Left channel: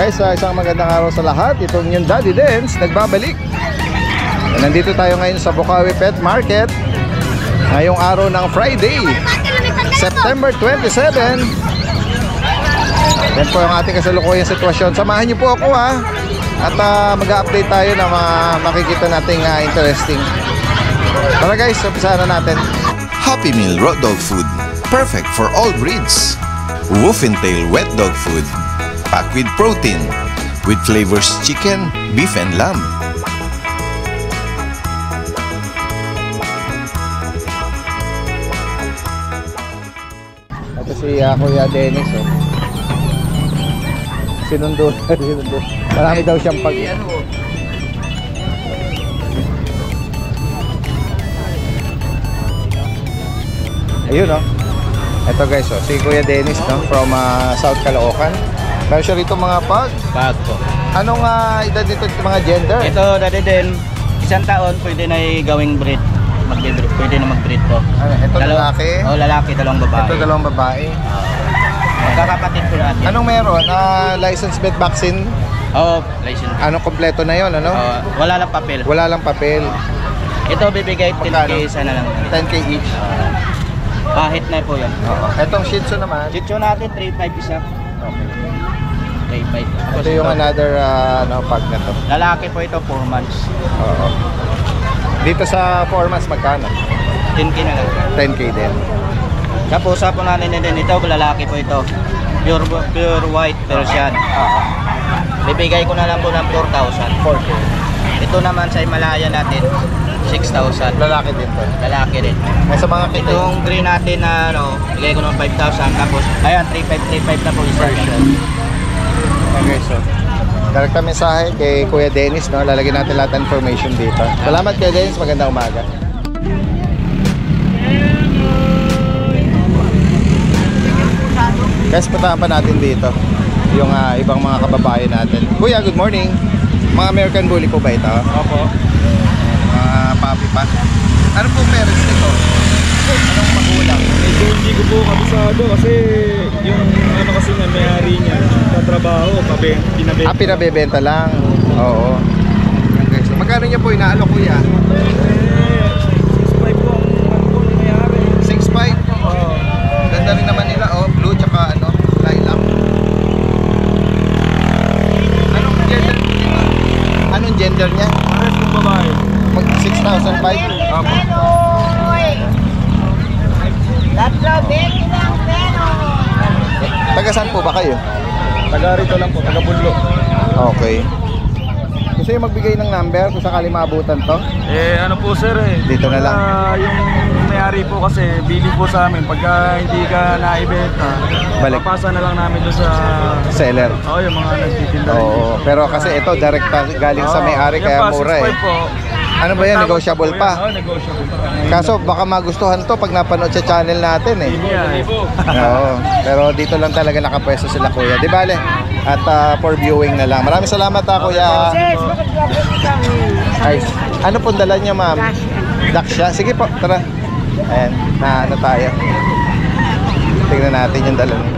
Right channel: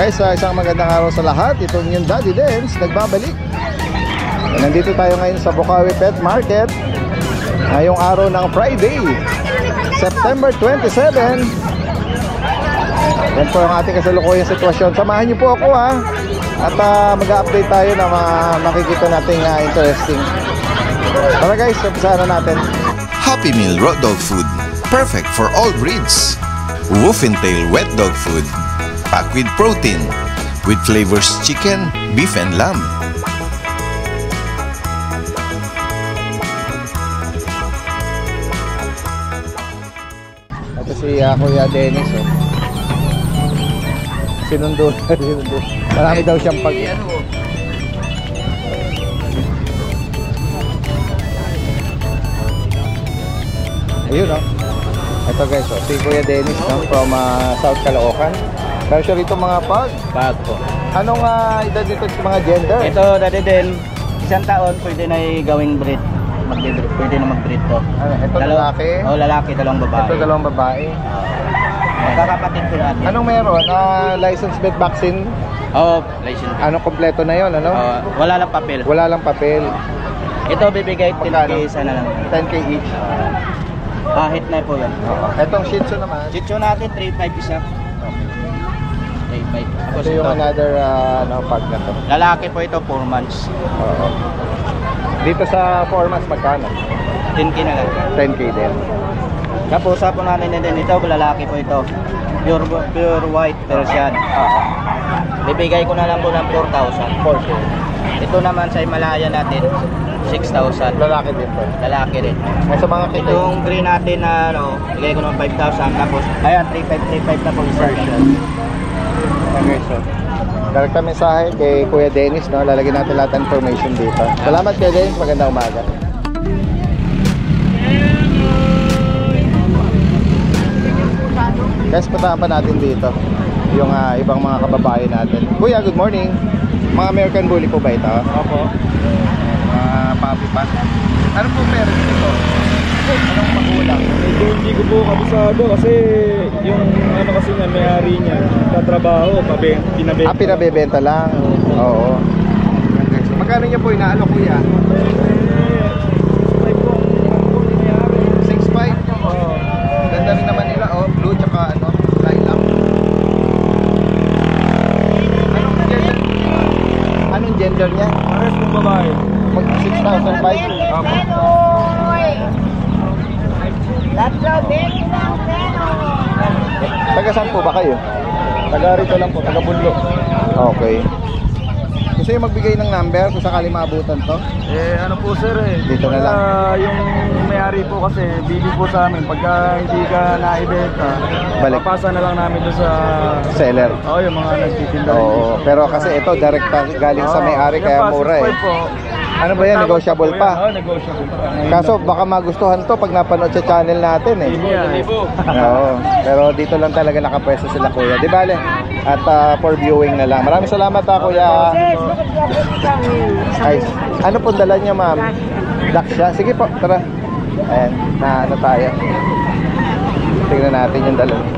Guys, isang magandang araw sa lahat. Itong yung Daddy Dance nagbabalik. Nandito tayo ngayon sa Bukawi Pet Market. Ngayong araw ng Friday, September 27. Yan po ang ating kasalukuyang sitwasyon. Samahan niyo po ako ha. At mag-update tayo na makikita nating interesting. Tara guys, umpisahan na natin. Happy Meal Raw Dog Food. Perfect for all breeds. Wolf and Tail Wet Dog Food. Packed with protein, with flavors chicken, beef, and lamb. Ito si Kuya Dennis. Oh. Sinundo. Marami daw siyang pag... Ayun oh. Ito guys, oh, si Kuya Dennis no, from South Caloocan. Meron siya rito mga pag? Pag po. Anong edad dito mga gender? Ito dati din, 1 taon pwede na gawing breed. Pwede na mag-breed po. Ito lalaki? Oo, lalaki, dalawang babae. Ito dalawang babae. Magkakapatid po natin. Anong meron? License vet vaccine? Oo, license. Anong kompleto na yon ano? Wala lang papel. Wala lang papel. Ito bibigay 10K isa na lang. 10K each. Pahit na po yan. Etong Shih Tzu naman? Shih Tzu natin, 3.5 isa. Okay. 3.5. Ito yung another pag na to. Lalaki po ito, 4 months. Oo. Dito sa 4 months magkano? 10K na lang. 10K din. Tapos usapan natin din ito, lalaki po ito. Pure white Persian. Bibigay ko na lang po ng 4,000. 4K. Ito naman sa Himalaya natin, 6,000. Lalaki din to. Lalaki rin. Sa mga kita. Itong green natin na bigay ko ng 5,000. Tapos, ayan, 3,535 na po isa. Okay, so direkta mensahe kay Kuya Dennis, no? Lalagyan natin lahat ng information dito. Salamat Kuya Dennis, magandang umaga. Guys, puntahan pa natin dito yung ibang mga kababayan natin. Kuya, good morning. Mga American Bully po ba ito? Opo. Mga puppy pa. Ano po parents nito? Anong magulang? Medyo hindi ko po kabisado kasi yung ano kasi nga may-ari niya tatrabaho, pinabenta. Pinabebenta lang. Oo. Okay, so magkano niya po inaalo kuya? 6.5 po ang may-ari. 6.5? Oo. Ganda rin naman nila, oh. Blue tsaka lilac. Anong gender niya? Pares kong babae. Mag 6,500? Opo. Taga saan po ba kayo? Taga rito lang po, taga Bunlo. Okay. Gusto yung magbigay ng number kung sakali maabutan to? Ano po sir Dito na lang. Yung may-ari po kasi bili po sa amin pagka hindi ka naibenta, Balik. papasa na lang namin doon sa Seller. yung mga nagtitinda. Oo. Pero kasi ito direct galing sa may-ari kaya mura eh. 6.5 po. Ano ba yan? Negotiable pa? Oo, negotiable pa. Kaso baka magustuhan to pag napanood sa channel natin eh. Libo. Oo. Pero dito lang talaga nakapwesto sila kuya. Di bale? At for viewing na lang. Maraming salamat kuya. Ay, ano pong dala niya ma'am? Daksha? Sige po, tara. Ayan, na ano tayo. Tingnan natin yung dala niya.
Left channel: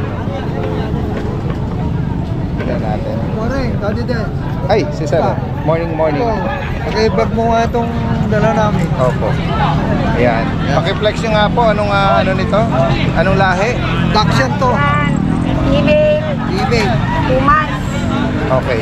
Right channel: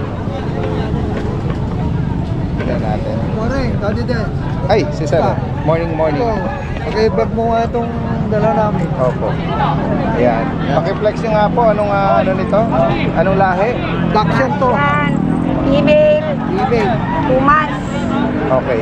Tingnan natin. Morning, Daddy Den. Ay, si Sir. Morning. Paki-bag mo nga itong dala namin. Opo. Ayan. Paki-flex nyo nga po. Anong ano nito? Anong lahi? Dakshan to. Email, Email. 2 months. Okay.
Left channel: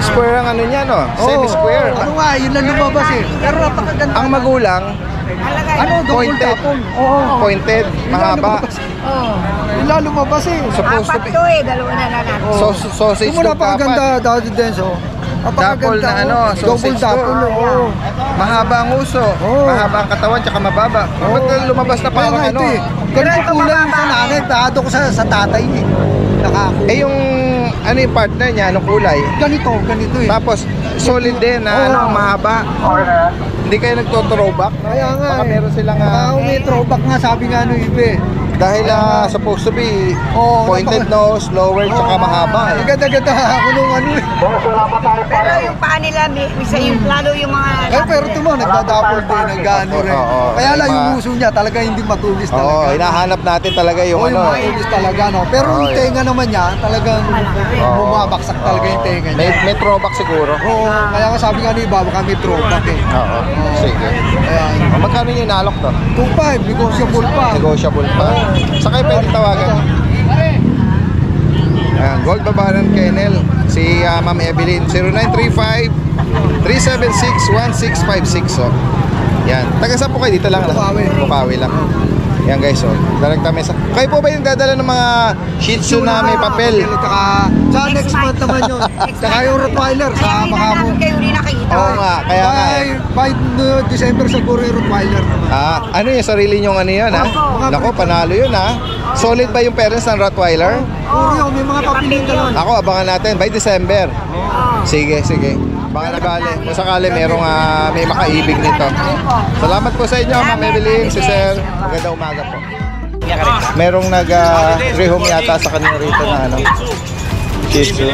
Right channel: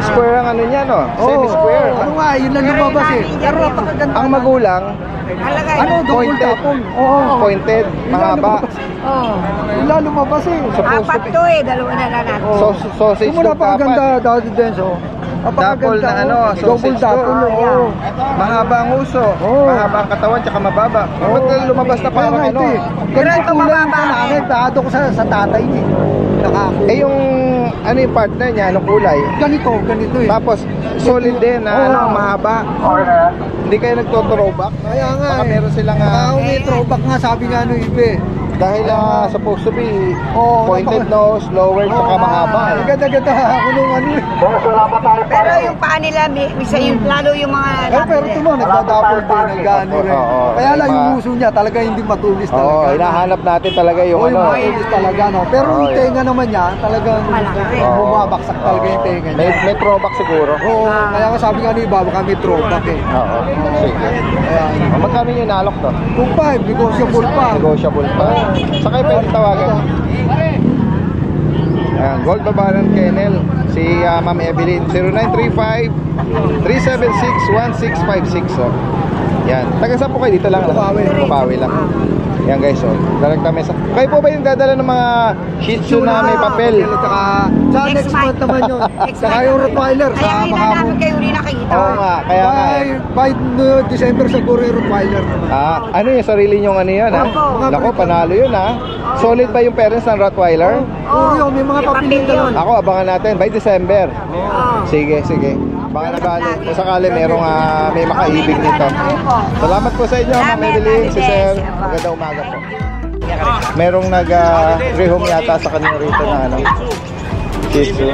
Square ang ano niya, no? Oo. Semi-square. Ano nga, yun lang lumabas eh. Pero napakaganda. Ang magulang, Alagay. Ano, double pointed. tapon. Oo. Pointed, Yun lang mahaba. lumabas. Oo. Yun lang lumabas eh. Supposed to Apat be. to eh, dalawa na lang natin. So, sausage Yung mo napakaganda, Daddy Den. So, Double na ano, double sausage tapon. to. Oo. Mahaba ang uso. Oo. Mahaba ang katawan, tsaka mababa. Ba't lumabas na Kaya parang nga ano? ito eh. Ganito kulay yung sa nanay. Taado ko sa tatay eh. Nakako. Eh yung, ano yung partner niya, anong kulay? Ganito eh. Tapos, solid din na ano, mahaba. Hindi kayo nagto-throwback? Kaya nga Baka eh. meron silang Baka may throwback nga sabi nga no ibe. Dahil supposed to be Oo, pointed nose, lower, tsaka mahaba. Ang ganda-ganda ako nung ano eh. Pero yung paa nila, misa yung lalo yung mga... Pero ito mo, nagdadapol din, nag-ano rin. Oo. Kaya lang yung uso niya, talaga hindi matulis Oo, talaga. hinahanap natin talaga yung Oo, yung ano. matulis talaga, no? Pero Oo, yung tenga naman niya, talagang bumabaksak talaga yung tenga niya. May throwback siguro. Oo, kaya nga sabi nga ni Iba, baka may throwback eh. Oo. Sige. Ayan. Magkano yung inalok to? 2.5, negotiable pa. Negotiable pa. Sa kayo pwede tawagan. Ayan, Gold Babaran Kennel. Si Ma'am Evelyn. 0935-376-1656. So, yan. Taga saan po kayo? Dito lang. Bukawi. Bukawi lang. Yan guys. So, direkta mesa. Kayo po ba yung dadala ng mga Shih Tzu na may papel? Tsaka, sa next month naman yun. Tsaka yung Rottweiler sa Kaya hindi na Makamo. namin kayo rin nakikita. Oo nga. Kaya nga. By December siguro yung Rottweiler naman. Ano yung sarili nyong ano yun ha? Opo. Naku, panalo yun ha. Solid ba yung parents ng Rottweiler? Puro yun, may mga papilin ka nun. Ako, abangan natin by December. Oo. Sige, sige. Baka nagali. Kung sakali merong may makaibig nito. Salamat po sa inyo, Ma'am Evelyn, si Sir. Magandang umaga po. Merong nag-rehome yata sa kanila rito na ano. Shih Tzu.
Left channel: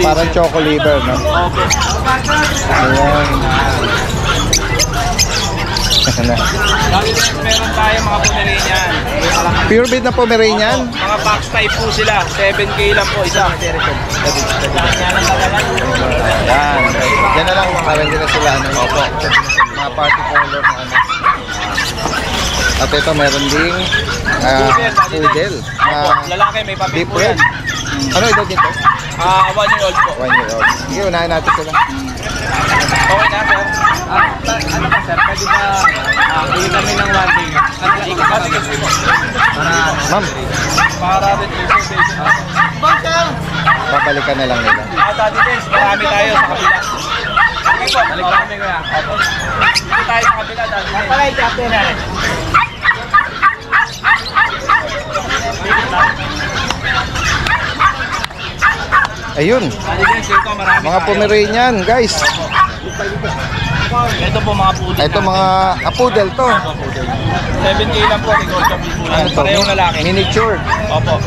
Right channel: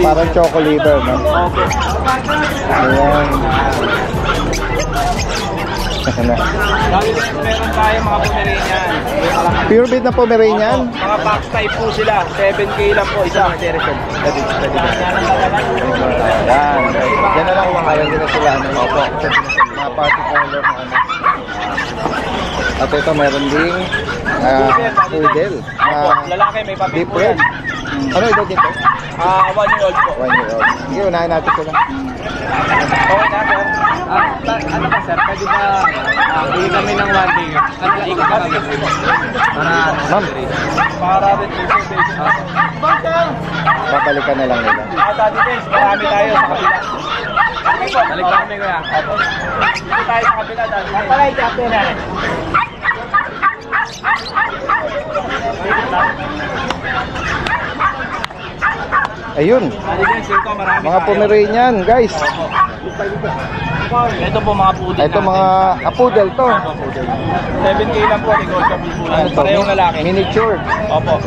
Parang choco liver, no? Ayan. Meron tayo mga Pomeranian. Pure breed na Pomeranian? Mga box type po sila. 7K lang po isa. Yan. Yan na lang makalan din na sila. Opo. Mga party color na ano. At ito meron ding poodle. Lalaki may papel Deep po red. yan. Ano ito dito? 1 year old po. 1 year old. Sige, unahin natin sila. Okay na, sir? Ano ba, sir? Pwede ba bili kami ng 1 day? Ano lang ikot ba? Ma'am, Para rin po, sir. babalikan na lang nila. Daddy Dance, marami tayo sa kabila. Okay po, balik kami kuya. Dito tayo sa kabila, Daddy Dance. Palay, captain na. Ayun, Daddy Dance, dito marami mga tayo. Pomeranian, guys. Ito po mga putin Ito mga poodle to. 7K lang po, negotiable po yan. Parehong lalaki. Miniature. Opo.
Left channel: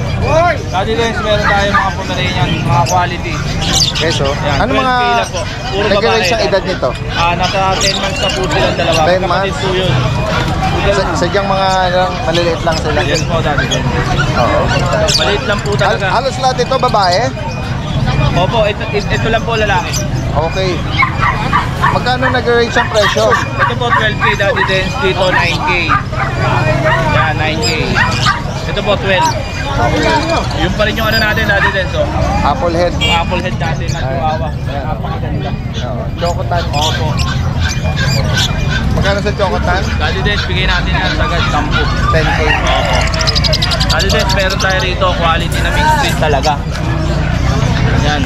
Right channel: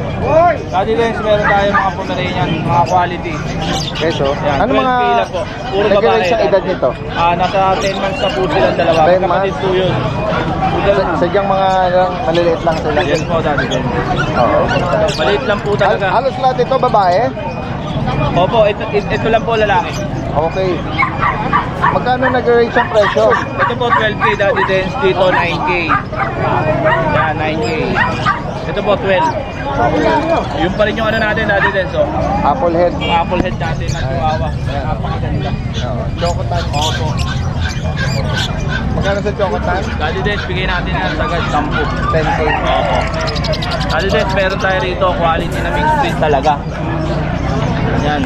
Daddy Dance, meron tayo mga Pomeranian, mga quality. Guys, oh. Yan, Ano 12K mga lang po. Puro babae. sa edad nito? Nasa 10 months na po silang dalawa. 10 Kapatid months? po yun. Sadyang mga maliliit lang sila. Yes po, Daddy Dance. Oo. Maliit lang po talaga. Halos lahat ito babae? Opo, ito lang po lalaki. Okay. Magkano nag-range ang presyo? Ito po 12K Daddy Dance, dito 9K. Yan, 9K. Ito po 12. Yung pa rin yung ano natin Daddy Dance, oh. Apple head. Yung apple head natin na chihuahua. Ayan. Napakaganda. Oo. Chocotan. Opo. Magkano sa chocotan? Daddy Dance, bigay natin yan sagad 10. 10K. Opo. Daddy Dance, meron tayo rito quality na mixed breed talaga. Yan.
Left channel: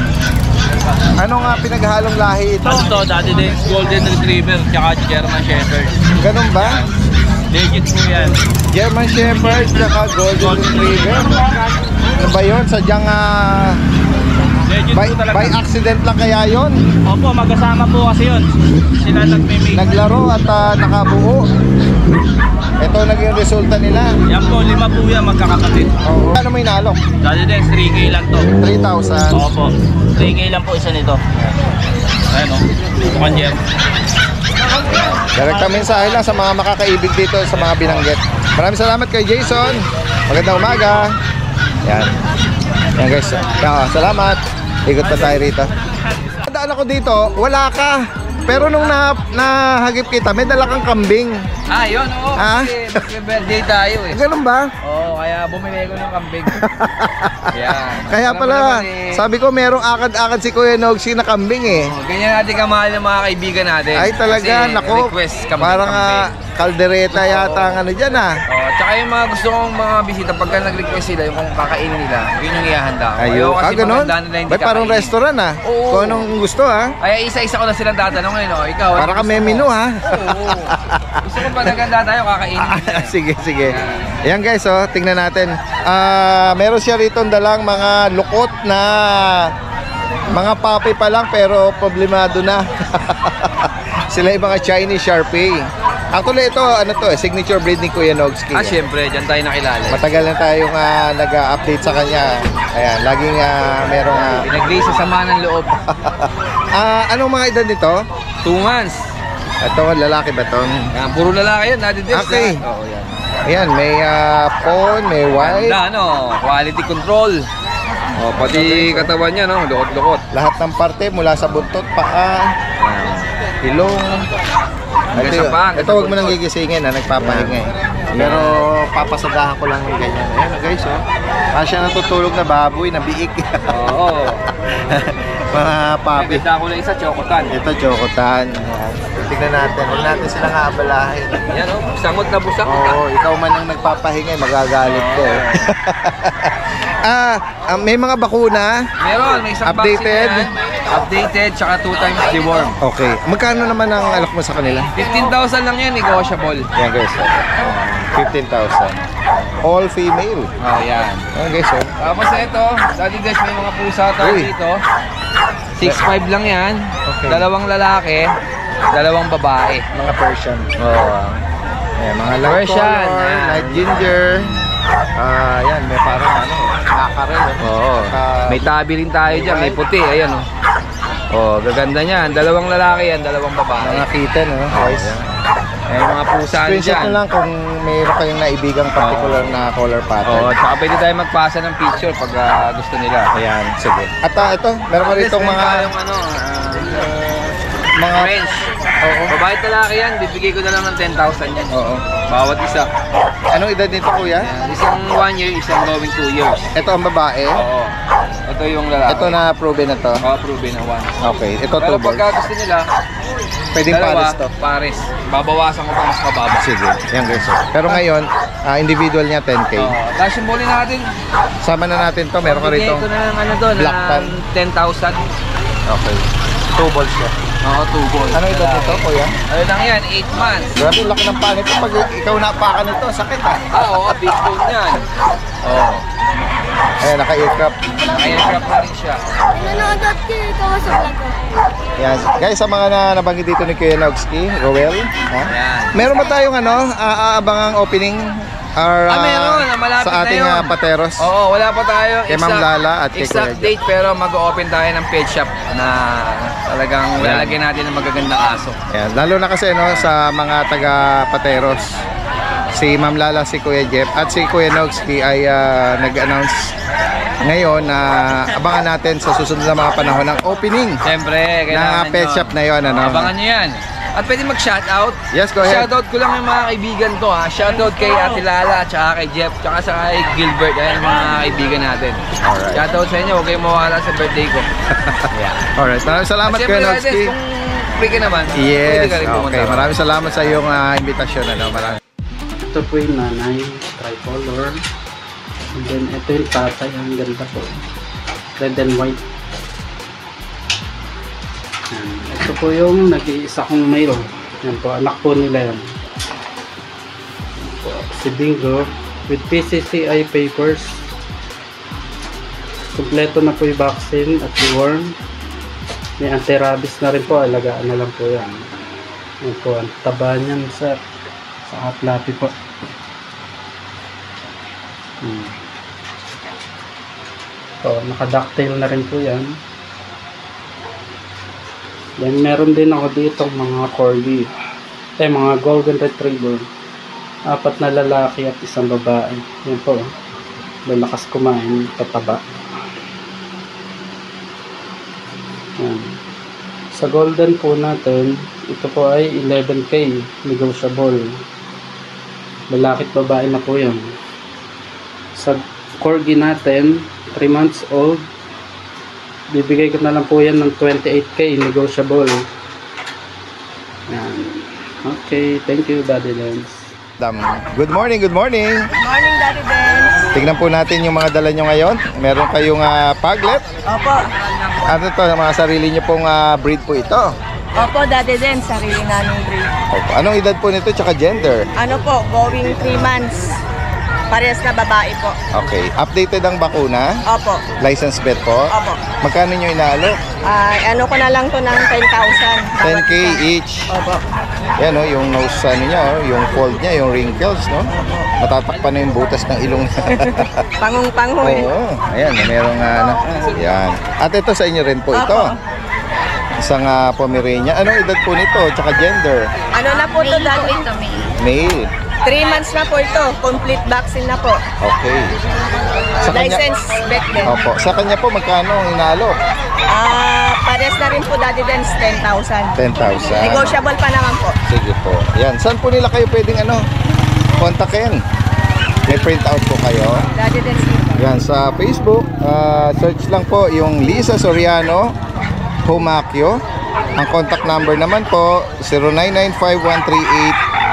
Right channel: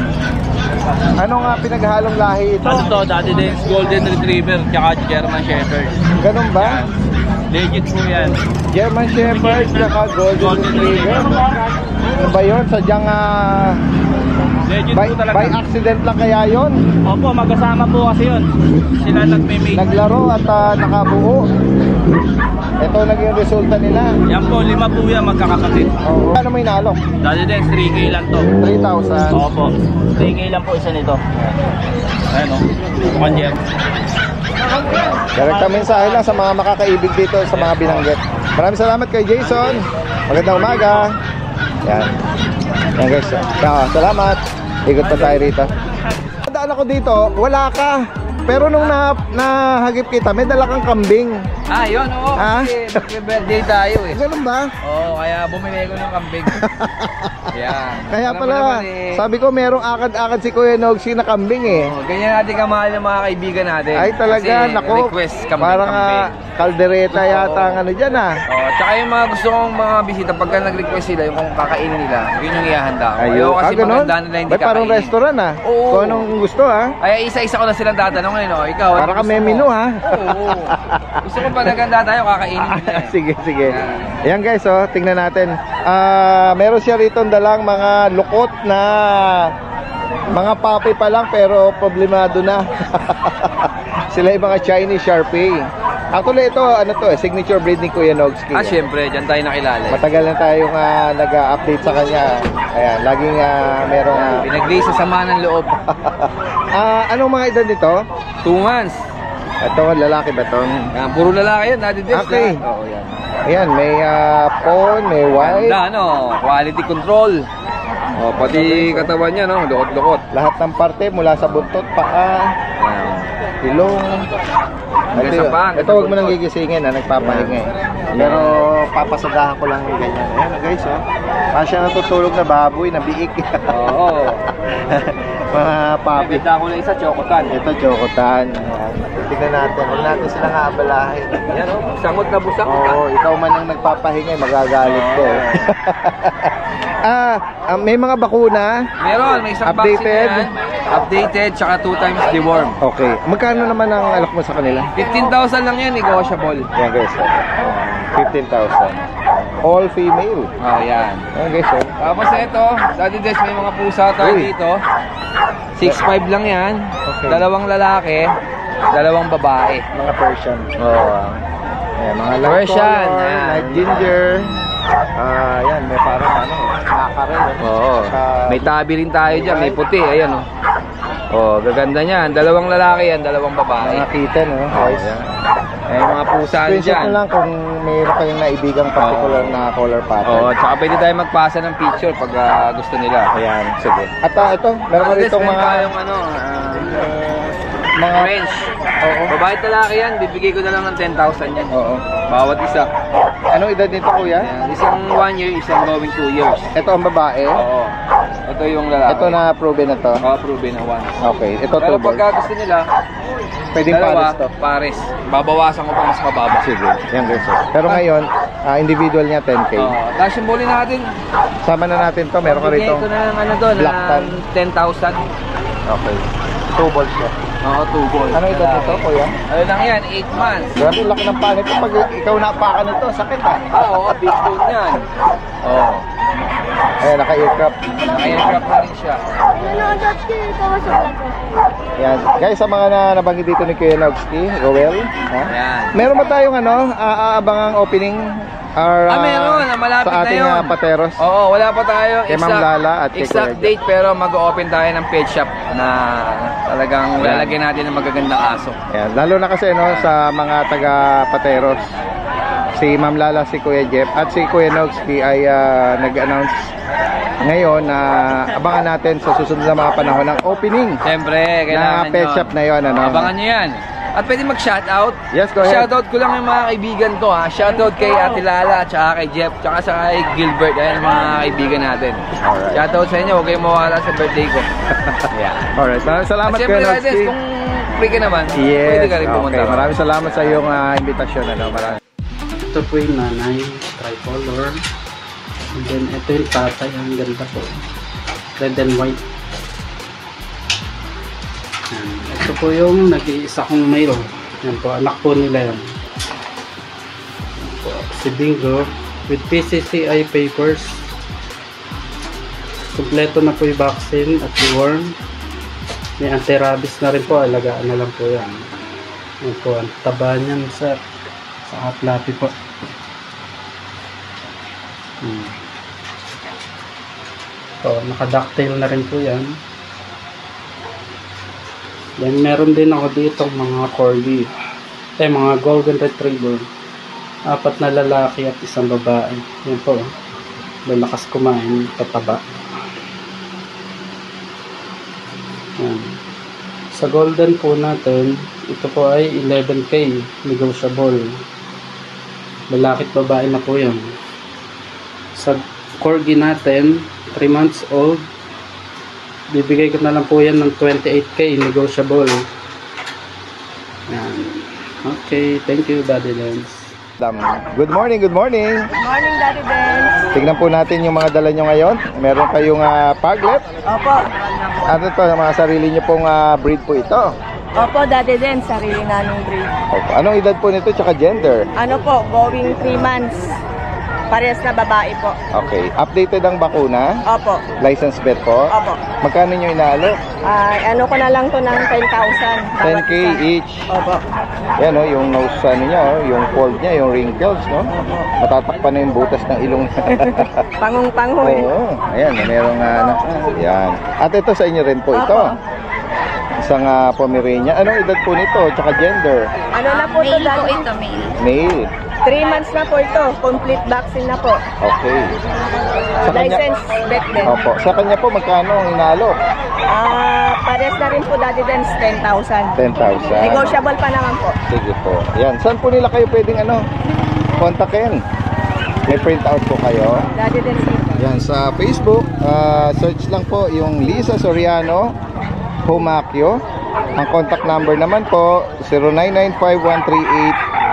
Ano nga pinaghalong lahi ito? Ano to, Daddy Dance, Golden Retriever, tsaka German Shepherd. Ganun ba? Legit po yan. German Shepherd, saka Golden Retriever. Ano ba yun? Sadyang Legit by po talaga. accident lang kaya yun? Opo, magkasama po kasi yun. Sila nagme-make. Naglaro at nakabuo. Ito naging resulta nila. Yan po, 5 po yan magkakapatid. Oo. Ano may nalok? Daddy Dance, 3K lang to. 3,000. Opo, 3K lang po isa nito. Ayan o, Panjer. Direkta mensahe lang sa mga makakaibig dito sa mga binanggit. Maraming salamat kay Jason. Magandang umaga. Yan. Yan guys. Salamat. Ikot pa tayo rito. Daan ako dito, wala ka. Pero nung nahagip kita, may dala kang kambing. Yun, oo. Ah? Kasi mag-birthday tayo eh. Ganun ba? Oo, kaya bumili ko ng kambing. Yan. Kaya Alam mo pala, naman eh, sabi ko merong akad-akad si Kuya Nogsy na kambing eh. ganyan natin kamahal ng mga kaibigan natin. Ay talaga, Kasi nako. request kambing, Parang kambing. kaldereta yata ang ano dyan ah. Oh, tsaka yung mga gusto kong mga bisita, pagka nag-request sila, yung kung kakainin nila, yun yung ihahanda ko. Ayun. Ayoko kasi Ganun? maganda nila hindi Ba't parang kakainin. restaurant ah? Oo. Kung anong gusto ah. Kaya isa-isa ko na silang tatanungin, no? Ikaw, Para ano ka may gusto mo? menu, ha? Oo. Gusto ko pag naganda tayo, kakainin nila. Sige, sige. Yan. Ayan guys, oh, tingnan natin. Meron siya rito dalang mga lukot na mga papi pa lang pero problemado na. Sila yung mga Chinese Sharpei. Actually, ito, ano to signature breed ni Kuya Nogski. Siyempre, dyan tayo nakilala. Matagal na tayong nag-update sa kanya. Ayan, laging merong... Pinaglay sa sama ng loob. Anong mga edad nito? 2 months. Ito, lalaki ba ito? Yan, puro lalaki yan, Daddy Des. Okay. Oo, yan. Ayan, may pawn, may white. Ganda, quality control. Pati katawan niya, no? Lukot-lukot. Lahat ng parte mula sa buntot, paa, Yan. ilong. Hanggang sa paa, hanggang Ito sa huwag mo nang buntot. gigisingin, nagpapahinga eh. Pero papasadahan ko lang yung ganyan. Ayan guys, siya natutulog na baboy, na biik. Oo. Mga papi. Ganda ko na isa, chokotan. Ito, chokotan. Ayan. Tignan natin. Huwag natin silang aabalahin. Yan, oh. Busangot na busangot. Oo, ikaw man ang nagpapahinga, magagalit ko. May mga bakuna. Meron, may isang Updated? vaccine yan. Updated, tsaka 2 times deworm. Okay. Magkano naman ang alok mo sa kanila? 15,000 lang yan, negotiable. Yan guys. 15,000. All female. Oh, yan. Yan guys. Tapos ito, Daddy Des, may mga pusa tayo Uy. dito. 6'5 lang yan. Okay. 2 lalaki, 2 babae. Mga Persian. Oo. Ayan, mga light Persian, color, yan. light ginger. Yan, may parang nakakarel. Oo. May tabi rin tayo dyan, may puti. Ayan, oh. Oh, gaganda niyan. 2 lalaki yan, 2 babae. Mga kitten, no? Guys. May mga pusa Screenshot dyan. nyo lang kung mayroon kayong naibigang particular na color pattern. Oo, tsaka pwede tayo magpasa ng picture pag gusto nila. Ayan, sige. At ito, meron ka rito mga... tayong mga French. Babae at lalaki yan, bibigay ko na lang ng 10,000 yan. Oo. Bawat isa. Anong edad nito, kuya? Ayan, isang 1 year, isang going 2 years. Ito ang babae. Oo. Ito yung lalaki. Ito na proven na to. Oo, proven na once. Okay, ito Pero two pagka balls. gusto nila, Pwedeng dalawa, pares to. pares. Babawasan ko pa mas mababa. Sige, yan guys. Pero ngayon, individual niya 10K. Oo. Tapos yung buli natin, Sama na natin to, meron ka bigay rito. ko na ng ano doon, Black tan. ng 10,000. Okay. 2 balls siya. Oo, 2 balls. Ano edad nito, kuya? Ano lang yan, 8 months. Grabe, laki ng panit. Pag ikaw napakan nito, sakit ha. Oo, big bone yan. Oo. Ayan, naka-aircraft. Naka-aircraft na rin siya. Nanonood ko sa vlog ko. Yan. Guys, sa mga nabanggit dito ni Kuya Nogski, Roel, ha? Ayan. Meron ba tayong aabangang opening? Or, Meron. Malapit sa ating na yun. pateros? Oo, wala pa tayong Kay Ma'am Lala at kay exact Kuya date pero mag-open tayo ng pet shop na talagang lalagyan natin ng magagandang aso. Yan. Lalo na kasi sa mga taga-pateros. Si Ma'am Lala, si Kuya Jeff at si Kuya Nogski ay nag-announce ngayon na abangan natin sa susunod na mga panahon ng opening Siyempre, kailangan ng pet yun. shop na yon. Ano? Abangan nyo yan. At pwede mag-shoutout. Yes, go ahead. Shoutout ko lang yung mga kaibigan ko ha. Shoutout kay Ate Lala, tsaka kay Jeff, tsaka sa kay Gilbert. Ayan ang mga kaibigan natin. Shoutout sa inyo, huwag kayong mawala sa birthday ko. Yeah. Alright, maraming salamat At Kuya siyempre, Nogski. Riders, kung free ka naman, Yes, pwede ka rin pumunta. okay. Maraming salamat sa iyong invitasyon. Maraming. Ito po yung nanay, tricolor. And then ito yung tatay, ang ganda po. Red and white. Yan. Ito po yung nag-iisa kong male. Yan po, anak po nila yan. Yan po, si Bingo with PCCI papers. Kompleto na po yung vaccine at deworm. May anti-rabies na rin po, alagaan na lang po yan. Yan po, ang taba niyan sa fluffy po. So, naka-ducktail na rin po yan. Then, meron din ako dito mga corgi. Mga golden retriever. 4 na lalaki at 1 babae. Yan po. Lalakas kumain, pataba. Yan. Sa golden po natin, ito po ay 11K, negotiable. Lalaki at babae na po yan. Sa corgi natin, 3 months old, bibigay ko na lang po yan ng 28K, negotiable. Yan. Okay, thank you, Daddy Lens. Good morning, good morning. Good morning, Daddy Benz. Tignan po natin yung mga dala nyo ngayon. Meron kayong paglet. Opo. Ano to, mga sarili nyo pong breed po ito. Opo, Daddy Benz. Sarili naming breed. Opo. Anong edad po nito tsaka gender? Ano po, going 3 months. Parehas na babae po. Okay. Updated ang bakuna? Opo. License vet po? Opo. Magkano nyo inaalok? Ano ko na lang to ng 10,000. 10K each. Opo. Yan o, yung nose ano niya, yung fold niya, yung wrinkles, no? Matatakpan na yung butas ng ilong. Pangong-pango eh. Oo. Ayan, merong ano. Yan. At ito sa inyo rin po ito. Isang Pomeranian. Anong edad po nito? Tsaka gender? Ano na po to dati? Male. 3 months na po ito. Complete vaccine na po. Okay. Sa License vet din. Opo. Sa kanya po, magkano ang inaalok? Parehas na rin po Daddy Dens, 10,000. 10,000. Negotiable pa naman po. Sige po. Yan. Saan po nila kayo pwedeng kontakin? May print out po kayo. Daddy Dens. Yan. Sa Facebook, search lang po yung Lisa Soriano Humacchio. Ang contact number naman po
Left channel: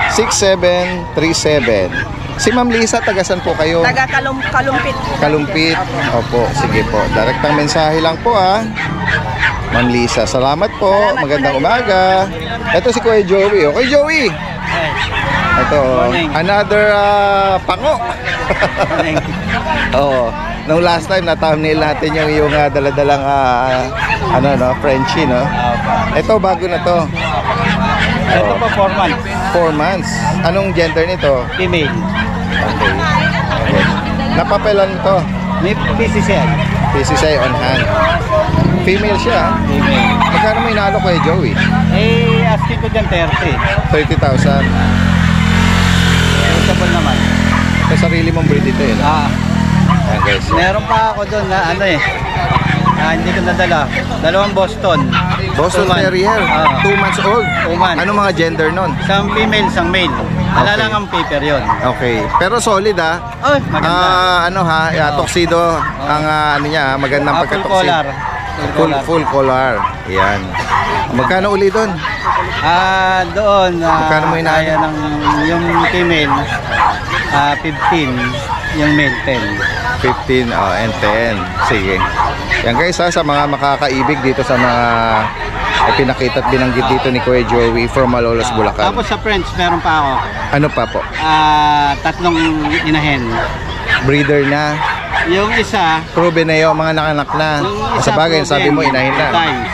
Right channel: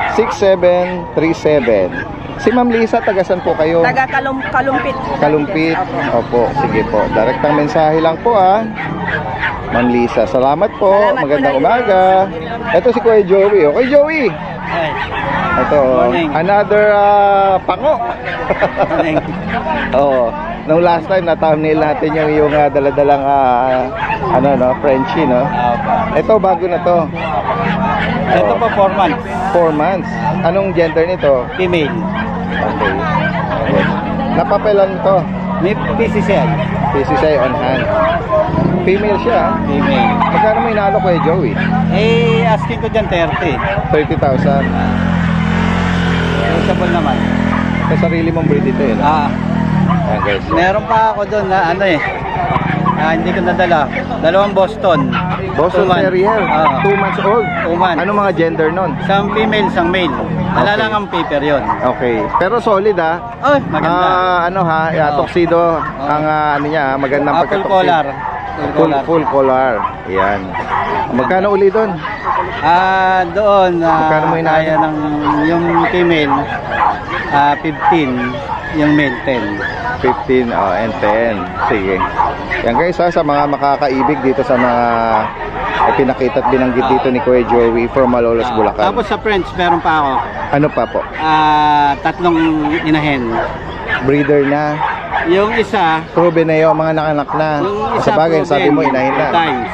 0995-138-6737. Si Ma'am Lisa, tagasan po kayo? Taga Kalumpit. Kalumpit. Opo, sige po. Direktang mensahe lang po Ma'am Lisa, salamat po. Salamat Magandang po, umaga. Ito si Kuya Joey. Okay, Joey. Ito, another pango. Oo. Nung last time, na-thumbnail natin yung daladalang Frenchie, no? Ito, bago na to. Ito po 4 months. 4 months. Anong gender nito? Female. Okay. Napapelan to. May PCCI. PCCI on hand. Female siya. Female. Magkano may inalo kay Joey? Asking ko dyan 30. 30,000. Negotiable naman. Sa sarili mong breed ito yun. Ayan guys. Meron pa ako doon na hindi ko nadala. 2 Boston. Boston 2 months. Terrier. 2 months old. 2 months. Ano mga gender nun? Isang female, isang male. Wala lang ang paper yon. Okay. Pero solid Ay, maganda. tuxedo ang niya, magandang Full pagka-tuxedo. collar. Full collar. Yan. Magkano uli doon? Doon Magkano mo inaano? kaya ng yung female 15, yung male 10. 15 and 10. Sige. Yan guys sa mga makakaibig dito sa mga pinakita at binanggit dito ni Kuya Joey from Malolos, Bulacan. Tapos sa French meron pa ako. Ano pa po? 3 inahen. Breeder na. Yung isa, Proven na yung mga nakanak na. yung Sa isa bagay, proven, sabi mo inahin na. times.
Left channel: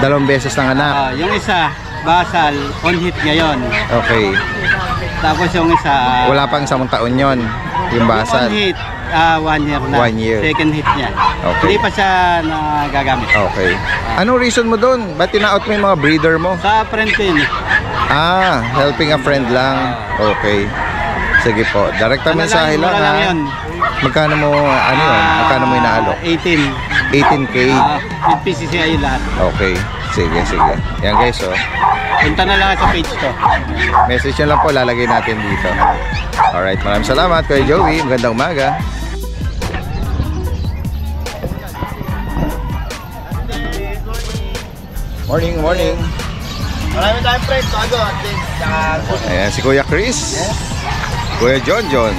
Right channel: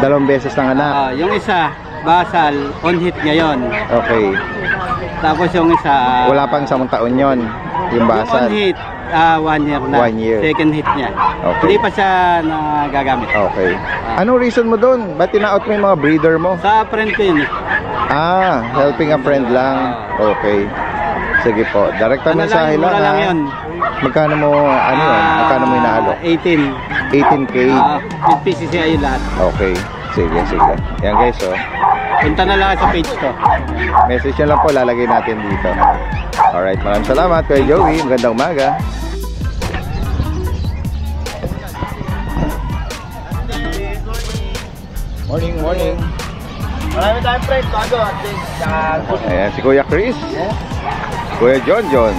2 beses ng anak. Yung isa, basal, on hit ngayon. Okay. Tapos yung isa, Wala pang 1 taon yon yung basal. on hit, 1 year na. 1 year. Second hit niya. Okay. Hindi pa siya nagagamit. Okay. Anong reason mo doon? Ba't tinaot mo yung mga breeder mo? Sa friend ko yun. Helping a friend lang. Okay. Sige po. Direkta mensahe lang. Mura lang yun. Magkano mo, magkano mo inaalok? 18. 18K. With PCCI lahat. Okay. Sige. Yan guys, Punta na lang sa page ko. message nyo lang po, lalagay natin dito. Alright, maraming salamat Kuya Joey. Magandang umaga. Morning. Marami tayong friends. Bago. Ayan, si Kuya Chris. Kuya John.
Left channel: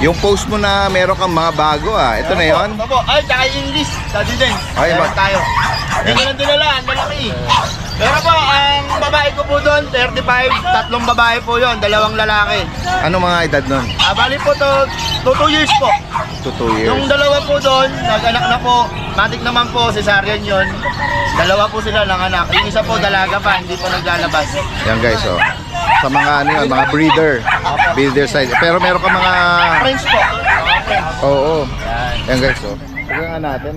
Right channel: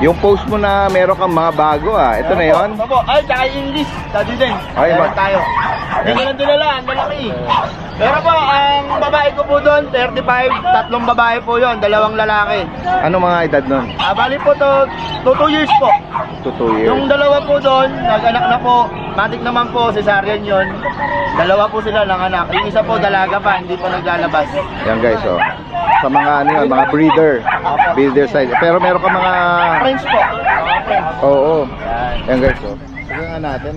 Yung post mo na meron kang mga bago ito na yon. Ay, tsaka English. Daddy din. Ay, Meron tayo. Hindi ko lang dinala. Ang malaki. Pero po, ang babae ko po doon, 35. 3 babae po yon, 2 lalaki. Ano mga edad nun? Bali po to, 2 years po. 2 years. Yung 2 po doon, nag-anak na po. Matik naman po, cesarean yon. 2 po sila ng anak. Yung isa po, dalaga pa, hindi po naglalabas. Yan guys, sa mga mga breeder side. Pero meron ka mga Friends po. Mga friends. Oo. Yan guys, tignan nga natin.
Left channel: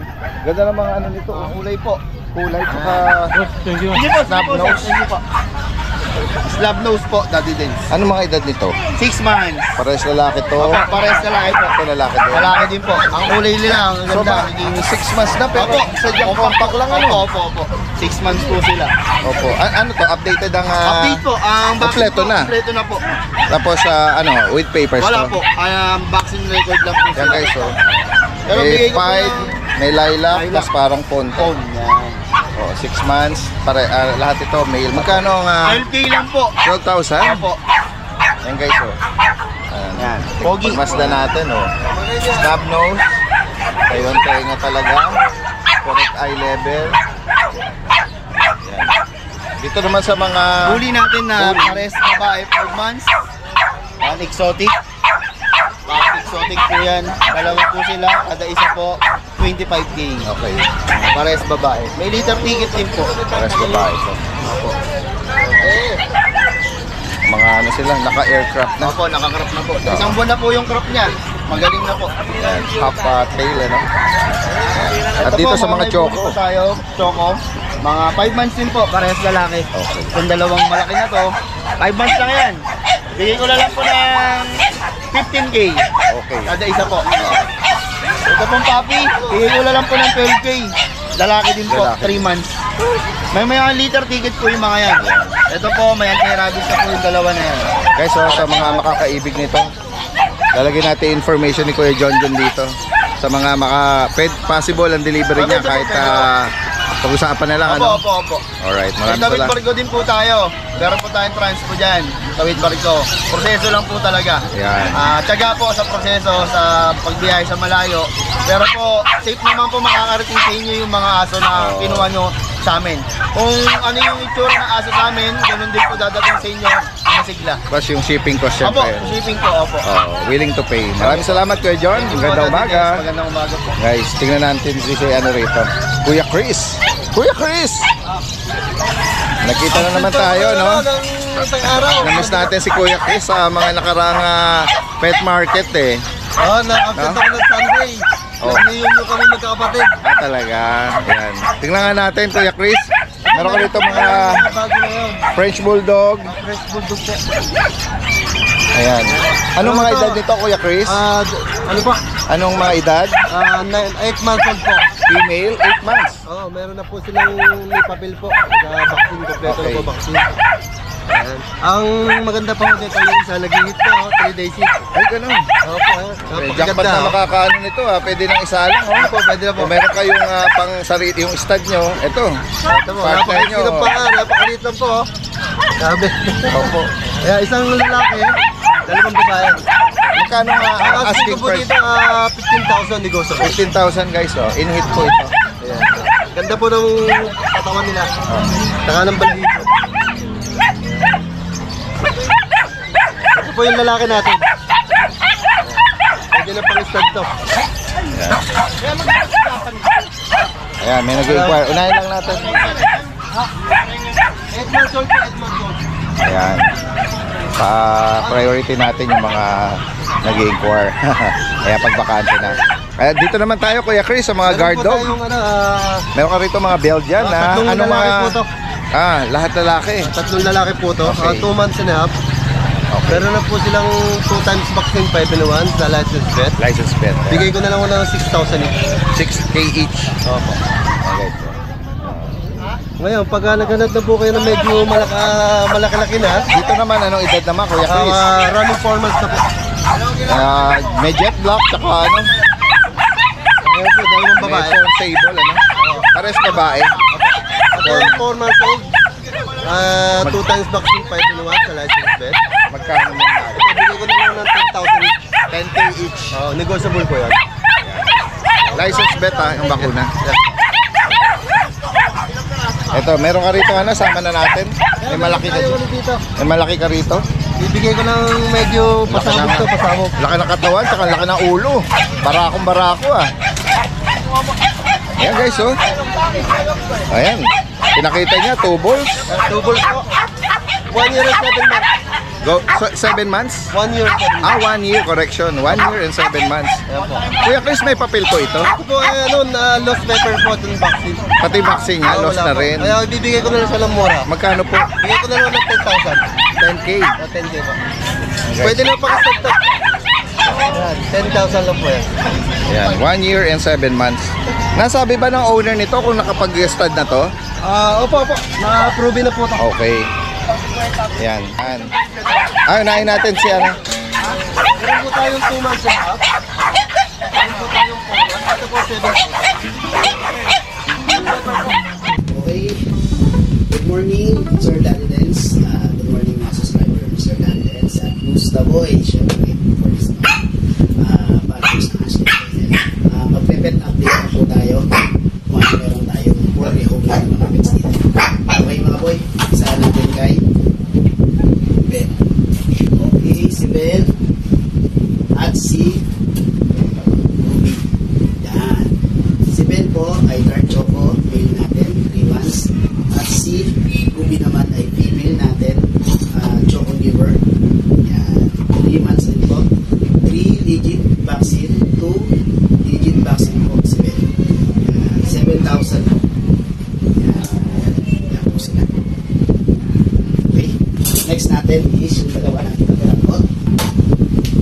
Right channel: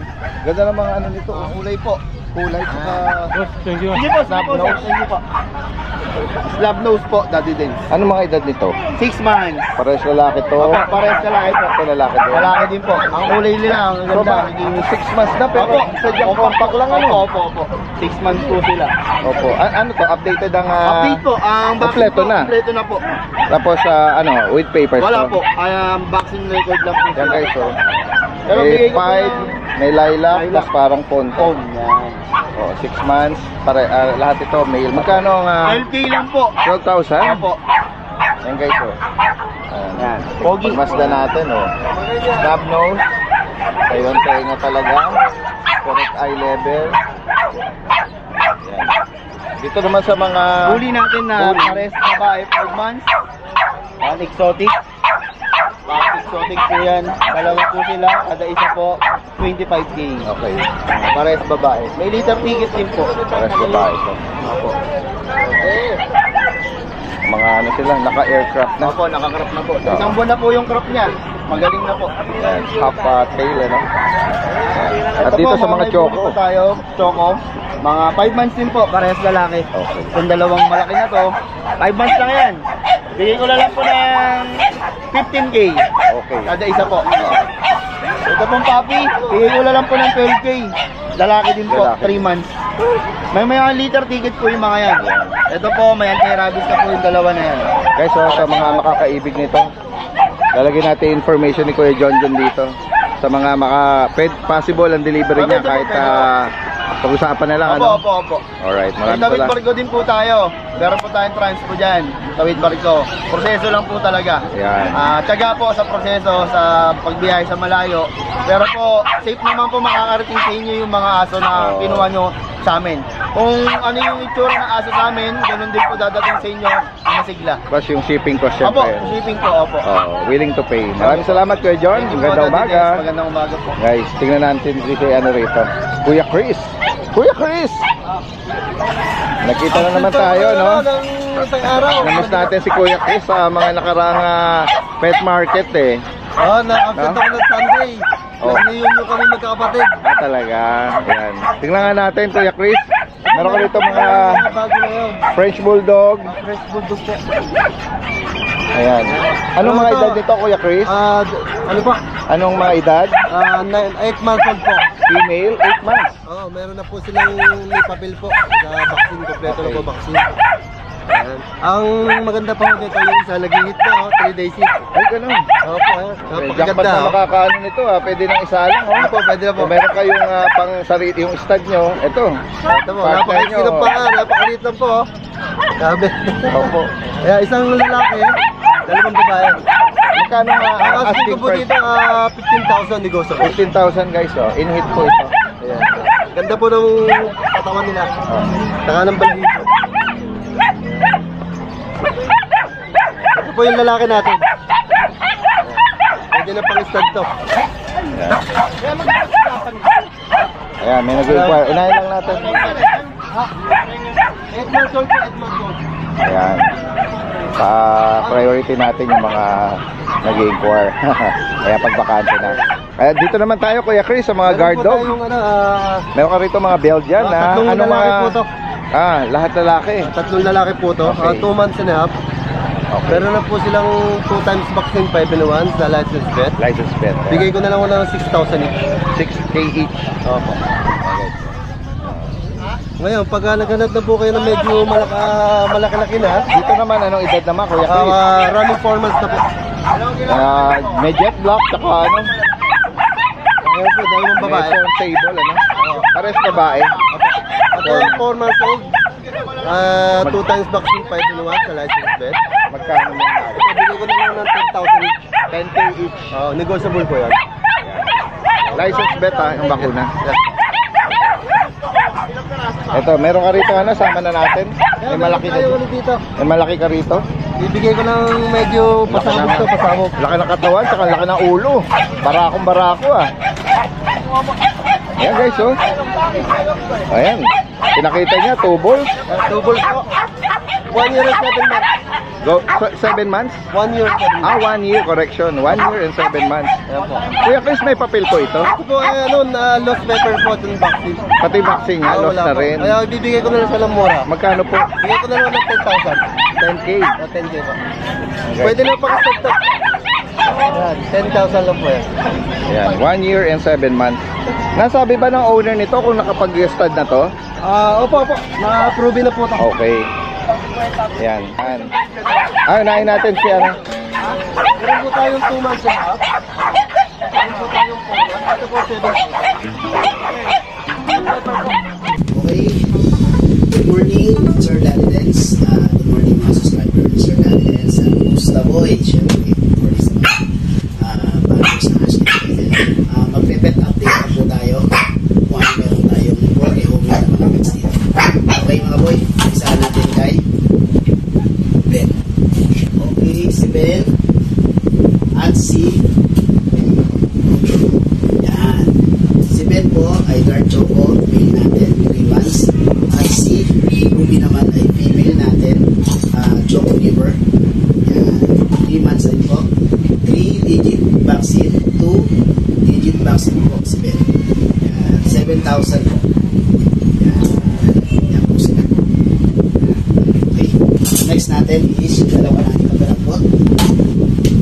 Ganda ng mga nito, kulay po. Kulay saka Hindi po, snap nose. Hindi po. Slab nose po, Daddy Dens. ano mga edad nito? 6 months. Parehas lalaki to. Opo, parehas lalaki po. Ito lalaki to. Lalaki din po. Ang kulay nila, ang So ganda. ba, 6 months na pero sadyang compact lang Opo. 6 months po sila. Opo. Ano to? Updated ang Update po, ang vaccine kompleto po, na. kompleto na po. Tapos with papers Wala to. po, vaccine record lang po. Yan guys, Pero may bigay ko po pied, ng may lilac, lilac. tapos parang ponte. phone. Yan. 6 months, lahat ito male. Magkano ang 12K lang po. 12,000? Opo. Yan guys, Yan. Pogi. Pagmasdan natin, Snub nose. Ayun, tenga talaga. Correct eye level. Yan. Dito naman sa mga Huli natin na pares babae 5 months. Exotic. pig po yan. Dalawa po sila, kada isa po, 25K. Okay. Parehas babae. May litter ticket din po. Parehas babae ito. Mga ano sila, naka-aircraft na. Opo, nakakrop na po. Isang buwan na po yung crop niya. Magaling na po. Half tail, ano? At Ito dito po, sa mga may choco. buli po tayo, choco. Mga 5 months din po, parehas lalaki. Okay. Itong dalawang malaki na to, 5 months lang yan. Bigay ko na lang po ng 15K. Okay. Kada isa po. Ito pong puppy, bigay ko na lang po ng 12K. Lalaki din po, Lalaki. 3 months. May mga liter ticket po yung mga yan. Ito po, may anti-rabies na po yung dalawa na yan. Guys, so, sa mga makakaibig nito, lalagyan natin information ni Kuya John dito. Sa mga possible ang delivery niya kahit pag-usapan na lang. Ano? Opo. Alright, May maraming tawid salamat. barko din po tayo. Meron po tayong transpo dyan. Tawid barko. Proseso lang po talaga. Yan. Tiyaga po sa proseso sa pagbiyahe sa malayo. Pero po, safe naman po makakarating sa inyo yung mga aso na kinuha nyo sa amin. Kung ano yung itsura ng aso sa amin, ganun din po dadating sa inyo yung masigla. Plus yung shipping cost Opo, syempre. shipping po, opo. Willing to pay. Maraming salamat Kuya John. Magandang umaga. Magandang umaga po. Guys, tingnan natin si ano rito. Kuya Chris. Kuya Chris! Nakita na naman tayo, no? Isang araw. Namiss natin si Kuya Chris sa mga nakarang pet market eh. Na-absent ako ng Sunday. Nag-reunion nyo kami magkakapatid. Talaga. Ayan. Tingnan nga natin, Kuya Chris. Meron ka dito mga Bago na yun. French Bulldog. Fresh bulldog po. Ayan. Anong mga edad nito, Kuya Chris? Ano pa? Anong mga edad? 8 months old po. Female, 8 months. Meron na po silang may papel po. Vaccine, kompleto na po vaccine. Ayan. Ang maganda po dito yung isa nag-hit na, 3 days hit. Ay, ganun. Opo, Jackpot na makakaano nito, pwede nang isa lang. Opo, pwede na po. Kung meron kayong pang sarili, yung stud nyo, ito. Ito po, napakaliit lang pa, napakaliit lang po. Sabi. Opo. Kaya isang lalaki, dalawang babae. Magkano Ang asking asking ko po price? dito, 15,000 negosyo. 15,000 guys, in hit po ito. Ayan. Ganda po ng katawan nila. Saka ng balahibo. Ito po yung lalaki natin. Pwede na pang-stud to. Ayan, may nag-inquire. Unahin lang natin. 8 months old po, 8 months old. Ayan. Pa-priority natin yung mga nag-inquire. Kaya pagbakante na. Kaya dito naman tayo, Kuya Chris, sa mga guard dog. Meron ka rito mga Belgian na tatlong lalaki po to. Lahat lalaki. Tatlong lalaki po to. Okay. 2 months and a half. Meron na po silang 2 times vaccine 5 in 1 sa license vet. License pet. Bigay ko na lang ng 6,000 each. 6K each. Opo. Okay. Ngayon, pag naghanap na po kayo ng medyo malaki-laki na, Dito naman, anong edad naman, Kuya Chris? running 4 months na po. May jet black, tsaka ano? Ngayon po, dalawang babae. May phone table, ano? Pares babae. Ito, 4 months old. 2 times vaccine 5 in 1 sa license vet. Magkano mo na? Ito, bigay ko na lang ng 10,000 each. 10K each. Negotiable po yan. License bet yung bakuna. Ito, meron ka rito ano, sama na natin. May malaki ka Tayo ulit dito. May malaki ka rito. Ibigay ko ng medyo pasabog to, pasabog. Laki ng katawan, tsaka laki ng ulo. Barakong barako Ayan guys, oh. Ayan. Pinakita niya, 2 balls. 2 balls po. 1 year and 7 months. Go, 7 months? 1 year and 7 months. 1 year, correction. 1 year and 7 months. Ayan po. Kuya Chris, may papel po ito. Ito po ay lost paper po itong vaccine. Pati vaccine niya, lost Wala na po. rin. Kaya ibibigay ko na lang sa mura. Magkano po? Bigay ko na lang ng 10,000. 10K. 10K po. Pwede na pakastag to. Ayan, 10,000 lang po yan. Ayan, 1 year and 7 months. Nasabi ba ng owner nito kung nakapag-stud na to? Opo. Na-approve na po ito. Okay. Ayan. Unahin natin si ano. Meron po tayong 2 months and a half. Meron po tayong 4 months. Ito po 7. Okay. Good morning, Sir Danidens. Good morning mga subscribers. Sir Danidens. Kumusta boy? Siyempre, for this month. Para po sa asin. Magpe-pet update po tayo. Kung meron tayong poultry home na mga pets dito. Okay mga boy, isa natin kay Ben. Okay, si Ben At si yan. Si Ben po ay dark choco, male natin, 3 months. At si Ruby naman ay female natin, choco giver. Yan. 3 months rin po. 3-digit vaccine, 2-digit vaccine po si Ben. Yan. 7,000 po. Yan. Yan po sila. Okay. Next natin is yung dalawa natin kaperanggot.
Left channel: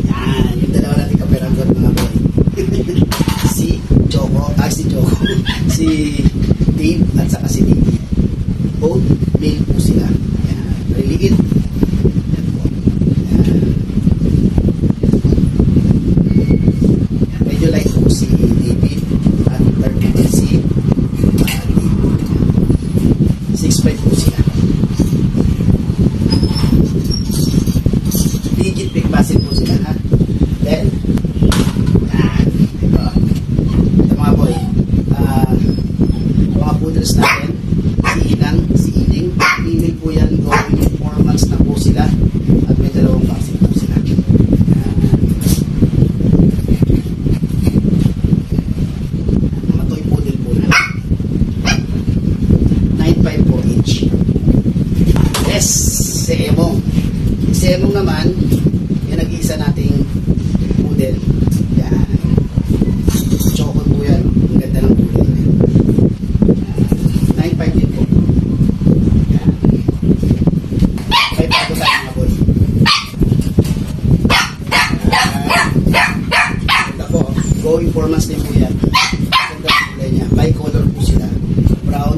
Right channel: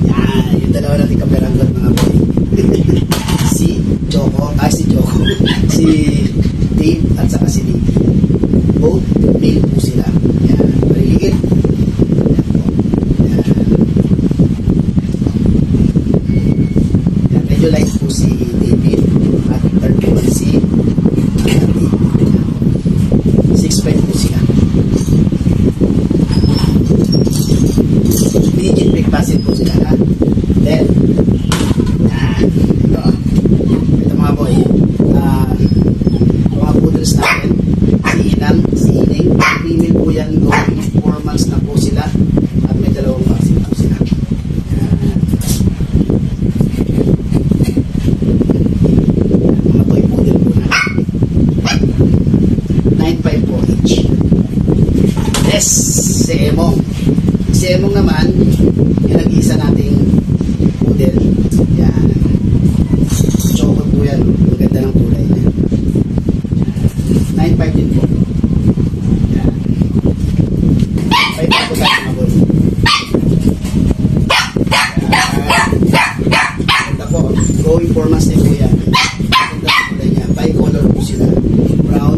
Yan. Yung dalawa natin kaperanggot mga boy. Si Dave at saka si Dave. Both male po sila. Yan. Mariligid. Yan po. Yan. Yan. Medyo light po si David. At third naman si Dave. 6'5 po sila. Digit big basin po sila. Ha? Then, yan. Ito mga boy. Mga poodles natin. Si Inang, si Ining. Female po yan. Going 4 months na po sila. At may 2 vaccine po sila. Yan. Mga toy poodle po na. 9.5 po each. Yes, si Emong. Si Emong naman, yung nag-iisa nating poodle. Yan. Choco po yan. Ang ganda ng kulay niya. 9.5 din po. Yan. 5 ako sa mga boy. Ito po. Going 4 months din po yan. Ang ganda ng kulay niya. Bi-color po sila. Brown.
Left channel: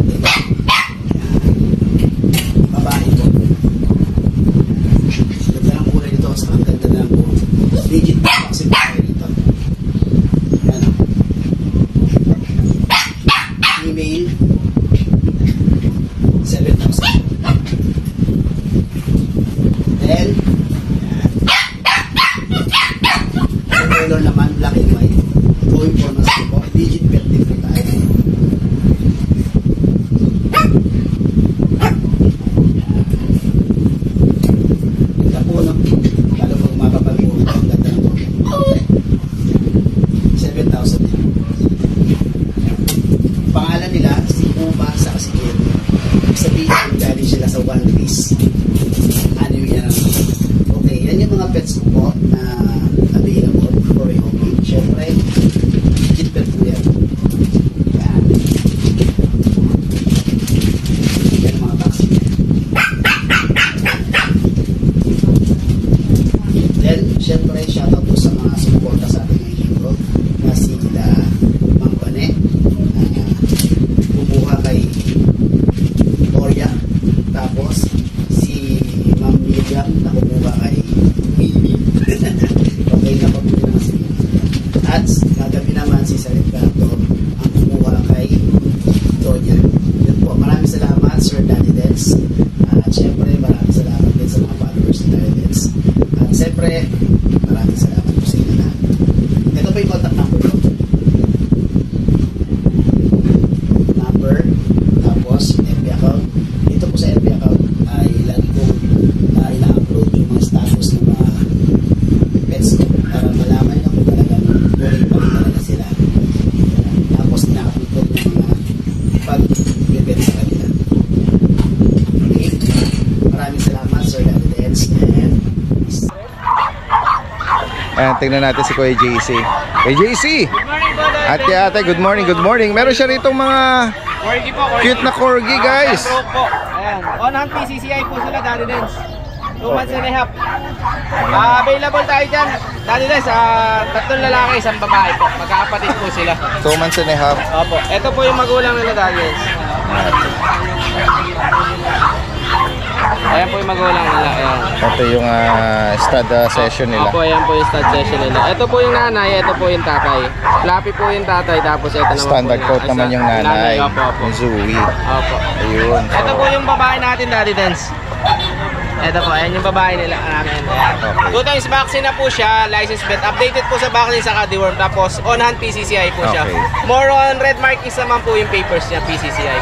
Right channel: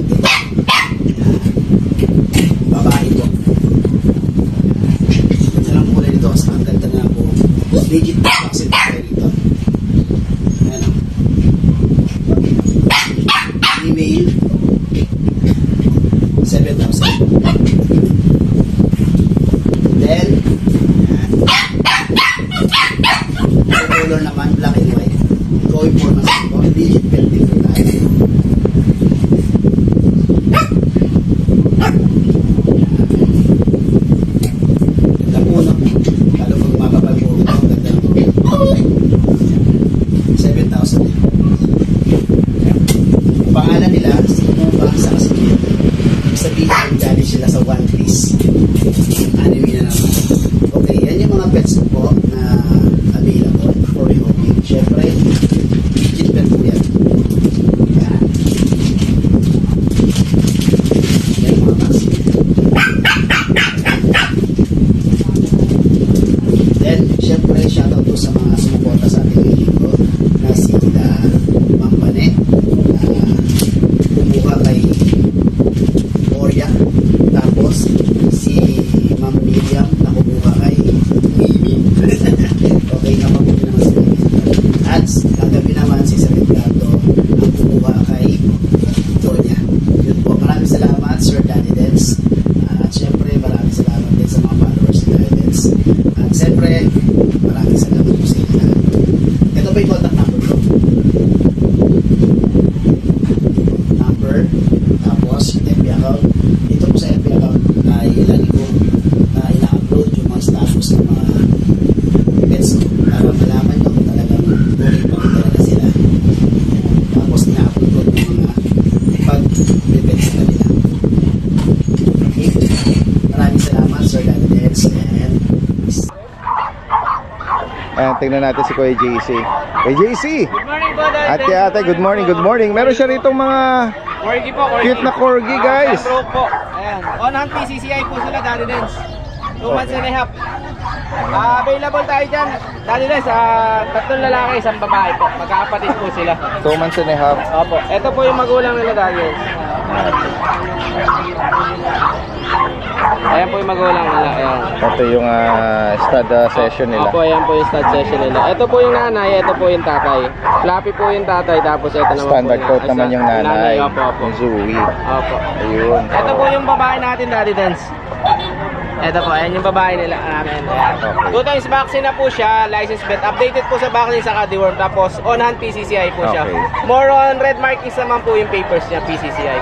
Yan. Babae po. Ganda ng kulay nito. Ang ganda na po. Digit vaccine po kayo dito. Yan o. Email 7,000. Then yung color naman black and white. Going for mas po. Digit belt din po tayo. Kapuno. Lalo pag mababag mo ito, ang ganda ng 7,000. Pangalan nila, si Uba sa Kasimir. Ibig sabihin, galing sila sa One Piece. Anime na naman. Okay, yan yung mga pets po na available for rehoking. Siyempre, digit pet po yan. Yan. Yan mga vaccine. Then, siyempre, shoutout po sa mga sumuporta sa ating video na sila Mang Bane, kumuha kay Oria, tapos si Ma'am Miriam na kumuha kay Mimi. Okay, nakabili naman si Mimi. At kagabi naman si Sir Edgardo ang kumuha kay Donya. Yun po, maraming salamat Sir Danny Dens. At syempre maraming salamat din sa mga followers ni Danny Dens. At syempre maraming salamat po sa inyo na. Ito ba yung contact number ko? Tapos FB account. Dito po sa FB account ay lagi kong ina-upload yung mga status ng mga pets ko para malaman na kung talagang okay pa rin talaga sila. Tapos ina-upload ko yung mga pag-pets sa kanila. Okay? Maraming salamat Sir Daddy Dens and tingnan natin si Kuya JC. Kuya JC! Good morning po, Daddy. Ate, good morning, good morning. Meron siya rito mga Corgi po, Corgi. cute na corgi, guys. Broke po. Ayan. On-hand PCCI po sila, Daddy Dens. 2 months and a half. Available tayo dyan. Daddy Dens, 3 lalaki, 1 babae po. Magkakapatid po sila. 2 months and a half. Opo. Ito po yung magulang nila, Daddy Dens. Ayan po yung magulang nila. Ayan. Ito yung stud session nila. Opo, ayan po yung stud session nila. Ito po yung nanay, ito po yung tatay. Fluffy po yung tatay, tapos ito naman Standard po coat naman yung nanay. Opo, opo. Yung Zooey. Opo. Ayun. Ito po yung babae natin, Daddy Dens. Ito po, ayan yung babae nila namin. Ayan. 2 times vaccine na po siya, license vet. Updated po sa vaccine sa deworm. Tapos on-hand PCCI po siya. Okay. More on red markings naman po yung papers niya, PCCI.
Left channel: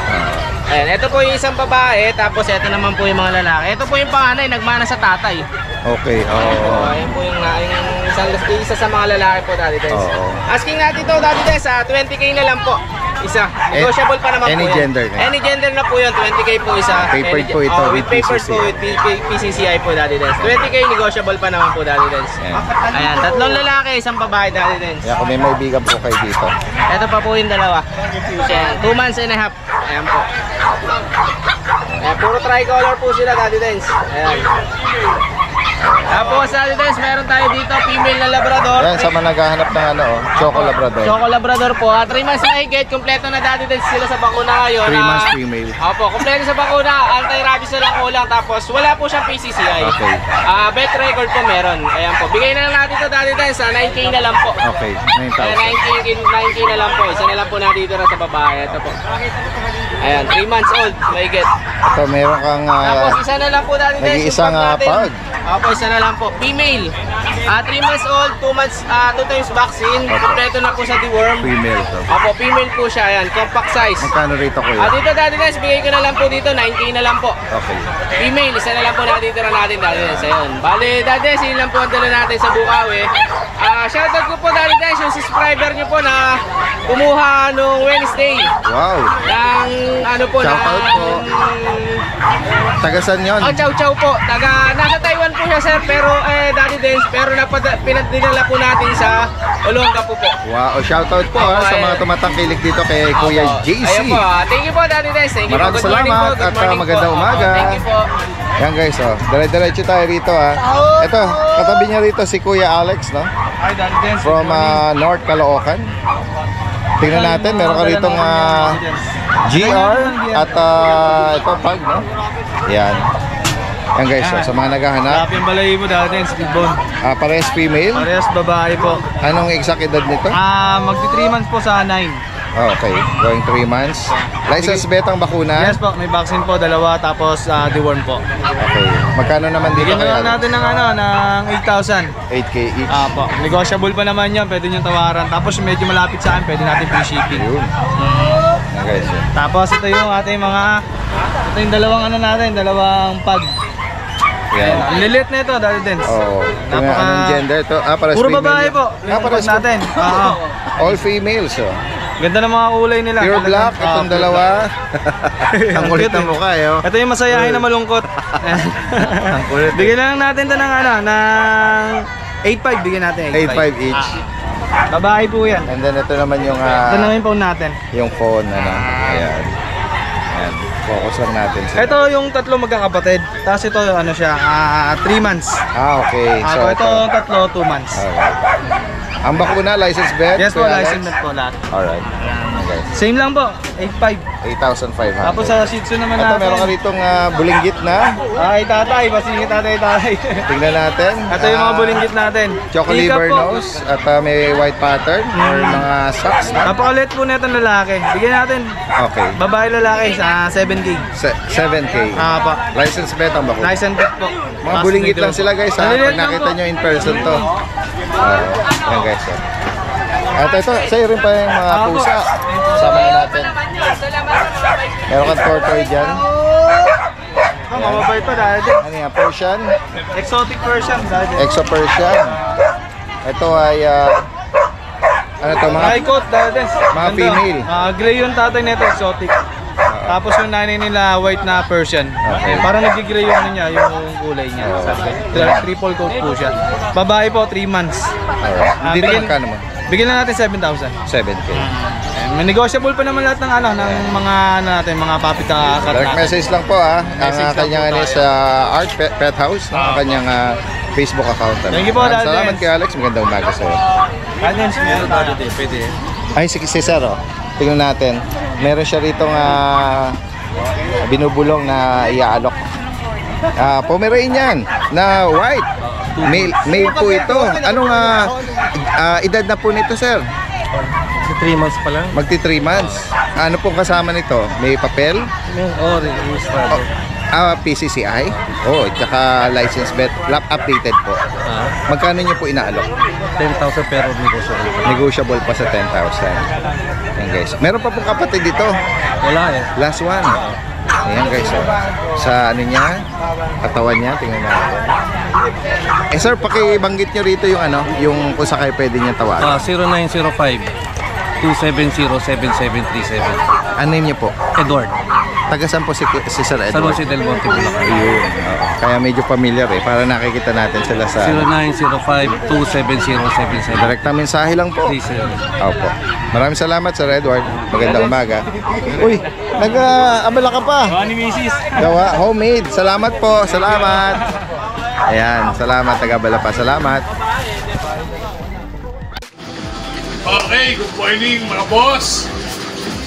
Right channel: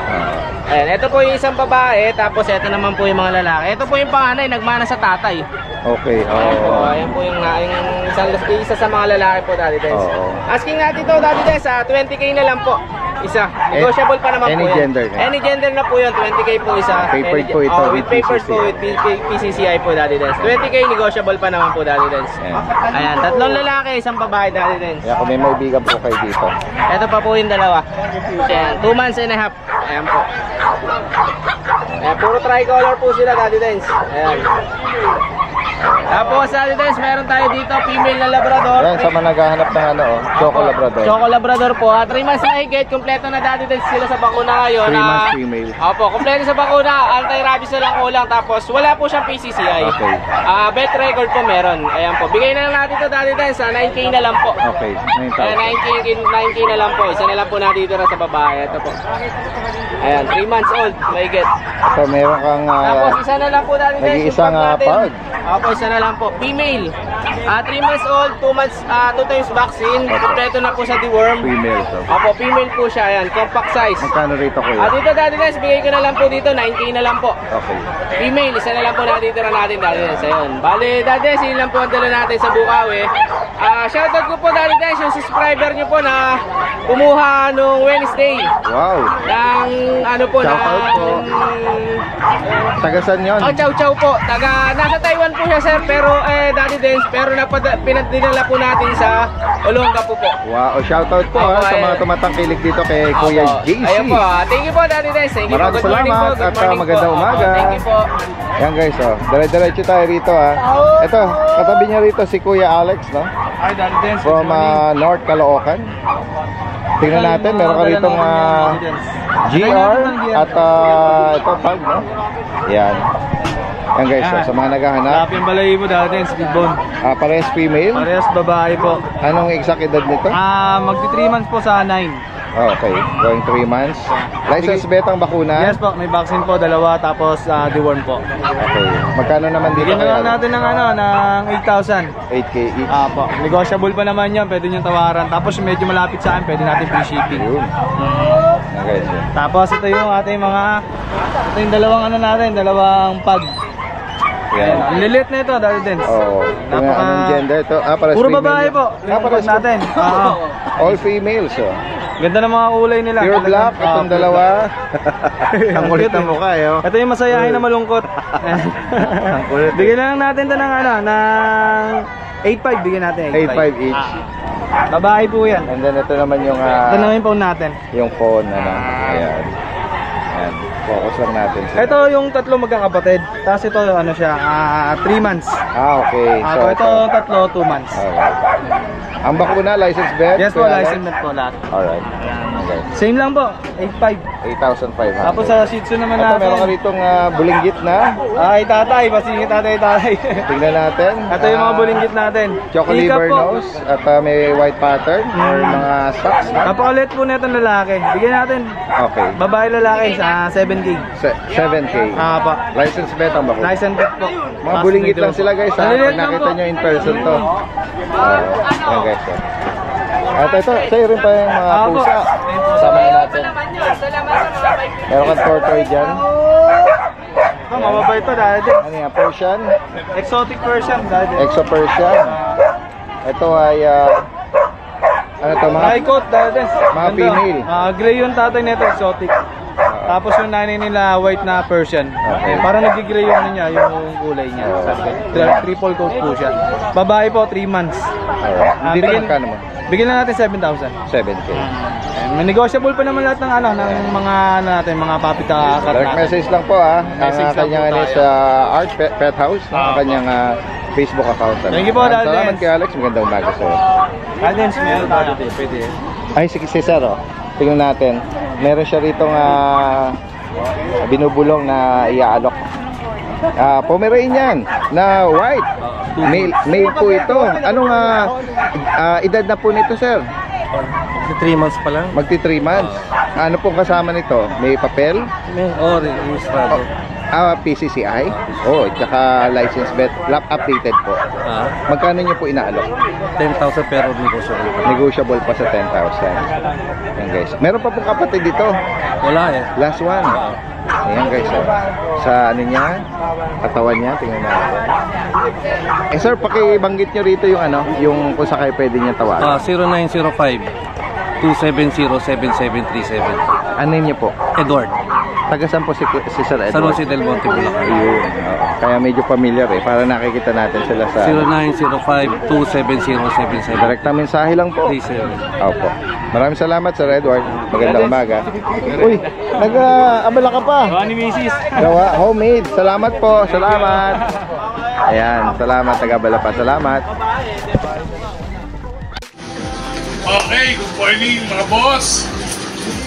Ayan, ito po yung isang babae, tapos ito naman po yung mga lalaki. Ito po yung panganay, nagmana sa tatay. Okay. Ayan po, ayan po yung Isa sa mga lalaki po, Daddy Dance. Asking natin to, Daddy Dance, 20k na lang po. Isa. Negotiable pa naman any po yan. gender na. Any gender na po yun, 20k po isa. Papered po ito with papers po, with PCCI po, Daddy Dance. 20k, negotiable pa naman po, Daddy Dance. Ayan, 3 lalaki, 1 babae, Daddy Dance. Kaya kung may maibigan po kayo dito. Ito pa po yung dalawa. Ayan, 2 months and a half. Ayan po. Ayan, puro tricolor po sila, Daddy Dance. Ayan. Tapos, Daddy Dance, meron tayo dito, female na Labrador. Yan, sa mga naghahanap ng ano, Choco Labrador. Choco Labrador po. 3 months na higit, kompleto na, Daddy Dance sila sa bakuna ngayon. 3 months female. Opo, kompleto sa bakuna. Anti-rabies na lang kulang. Tapos, wala po siyang PCCI. Okay. Bet record po meron. Ayan po. Bigay na lang natin ito, Daddy Dance. 9k na lang po. Okay, 9,000. 9k na lang po. Isa na lang po natitira sa babae. Ito po. Ayan, 3 months old. Mahigit. So, meron kang Tapos, isa na lang po, Daddy Dance. nag-iisang pag. Opo, isa na lang po. Female. 3 months old, 2 months, 2 times vaccine. Kompleto na po sa deworm. Female to. Opo, female po siya. Ayan, compact size. Magkano rito ko Dito, Daddy Dance, bigay ko na lang po dito. 9k na lang po. Okay. Female, isa na lang po natitira natin, Daddy Dance. Ayun. Bale, Daddy Dance, yun lang po ang dala natin sa Bukawi. Shoutout ko po, Daddy Dance, yung subscriber nyo po na kumuha nung Wednesday. Wow. Ng ano po, Shoutout po. Tagasan yun? Chow Chow po. Nasa Taiwan po siya, sir, pero Daddy Dance, pero pinadinala po natin sa Olonga po po. Wow, shoutout po Opo, sa mga tumatangkilik dito kay Kuya JC. Ayun po. Thank you po, Daddy Dance. Thank you po. Maraming Good morning po. salamat Good at morning po. magandang umaga. Thank you po. Yan guys, dire-diretso tayo rito Ito, katabi niya rito si Kuya Alex, no? Hi, Daddy Dance. From North Caloocan. Tingnan natin, meron ka rito GR at ito pag, no? Yan. Yan guys, sa mga naghahanap. Yung balay mo, Daddy Dance, big bone. Parehas female. Parehas babae po. Anong exact edad nito? Magti 3 months po sa 9. Okay, going 3 months. License betang bakuna? Yes po, may vaccine po, 2, tapos deworm po. Okay. Magkano naman dito? Bigyan na lang natin ng ng 8,000. 8K each. Po. Negotiable pa naman yan, pwede nyo tawaran. Tapos medyo malapit sa akin, pwede natin free shipping. Okay, Tapos ito yung ating ito yung dalawang pag. Yan. Ang lilit na ito, Daddy Dance. Anong gender to? Para puro babae po. Para natin. All females, Ganda ng mga kulay nila. Pure black, itong dalawa. Ang kulit ng mukha, Ito yung masayahin na malungkot. Bigyan na lang natin ito ng ng 8.5, bigyan natin 8.5 each. Babae po yan. And then ito naman yung ito naman yung phone natin. Yung phone, ayan. Focus lang natin. Ito yung tatlo magkakapatid. Tapos ito siya, 3 months. Okay. So ito tatlo, 2 months. Ang bakuna, license bet? Yes po, license bet po lahat. Alright. Okay. Same lang po, 8.5. 8,500. Tapos sa Shih Tzu naman natin. Meron ka ditong bulinggit na. Ay, tatay, basingit tatay. Tingnan natin. Ito yung mga bulinggit natin. Choco liver nose at may white pattern or mga socks na. Napakalit po na itong lalaki. Bigyan natin. Okay. Babae lalaki sa 7K. 7K. Pa. License bet ang bakuna. License bet po. Mga bulinggit lang sila guys. Pag nakita nyo in person to. Yan guys. At ito, sa'yo rin pa yung mga pusa. Sama natin. Meron kang tortoise dyan. Ito, mababay to dahil din. Ano yan? Persian? Exotic Persian dahil din. Exo Persian. Ito ay ano to mga? High coat dahil din. Mga female. Gray yung tatay nito, exotic. Tapos yung nanay nila white na Persian. Parang nag-gray yung niya, yung kulay niya. Triple coat po siya. Babae po, 3 months. Hindi na magkano mo? Bigyan na natin 7,000. 7K. May negotiable pa naman lahat ng ng mga natin, mga puppy cat direct natin. message lang po ang kanyang sa Art Pet House, ang kanyang Facebook account. Thank you po, Daddy. Salamat kay Alex, magandang umaga sa'yo. Guidance, meron tayo. Pwede. Ay, si Cesar, tingnan natin. Meron siya rito binubulong na iaalok. Pomeranian na white. Male po ito. Anong edad na po nito, sir? 3 months pa lang. Magti 3 months. Ano pong kasama nito? May papel? Registrado. PCCI? Tsaka license bet. Updated po. Magkano niyo po inaalok? 10,000 pero negotiable. Negotiable pa sa 10,000. Yan guys. Meron pa pong kapatid dito. Wala Last one. Ayan guys. Sa ano niya? Katawan niya. Tingnan natin. Eh sir, pakibanggit nyo rito yung ano, yung kung sakay pwede niya tawagan. 0905-270-7737. Ano name niyo po? Edward. Taga saan po si Sir Edward? San Jose del Monte, Bulacan. Ayun. Kaya medyo familiar eh. Para nakikita natin sila sa... 0905-270-7737. Direkta mensahe lang po. 37. Opo. Maraming salamat Sir Edward. Magandang umaga. Uy, nag-abala ka pa. Gawa ni Mrs. Gawa, homemade. Salamat po. Salamat. Ayan, salamat. Nag-abala pa. Salamat. Okay, good morning mga boss.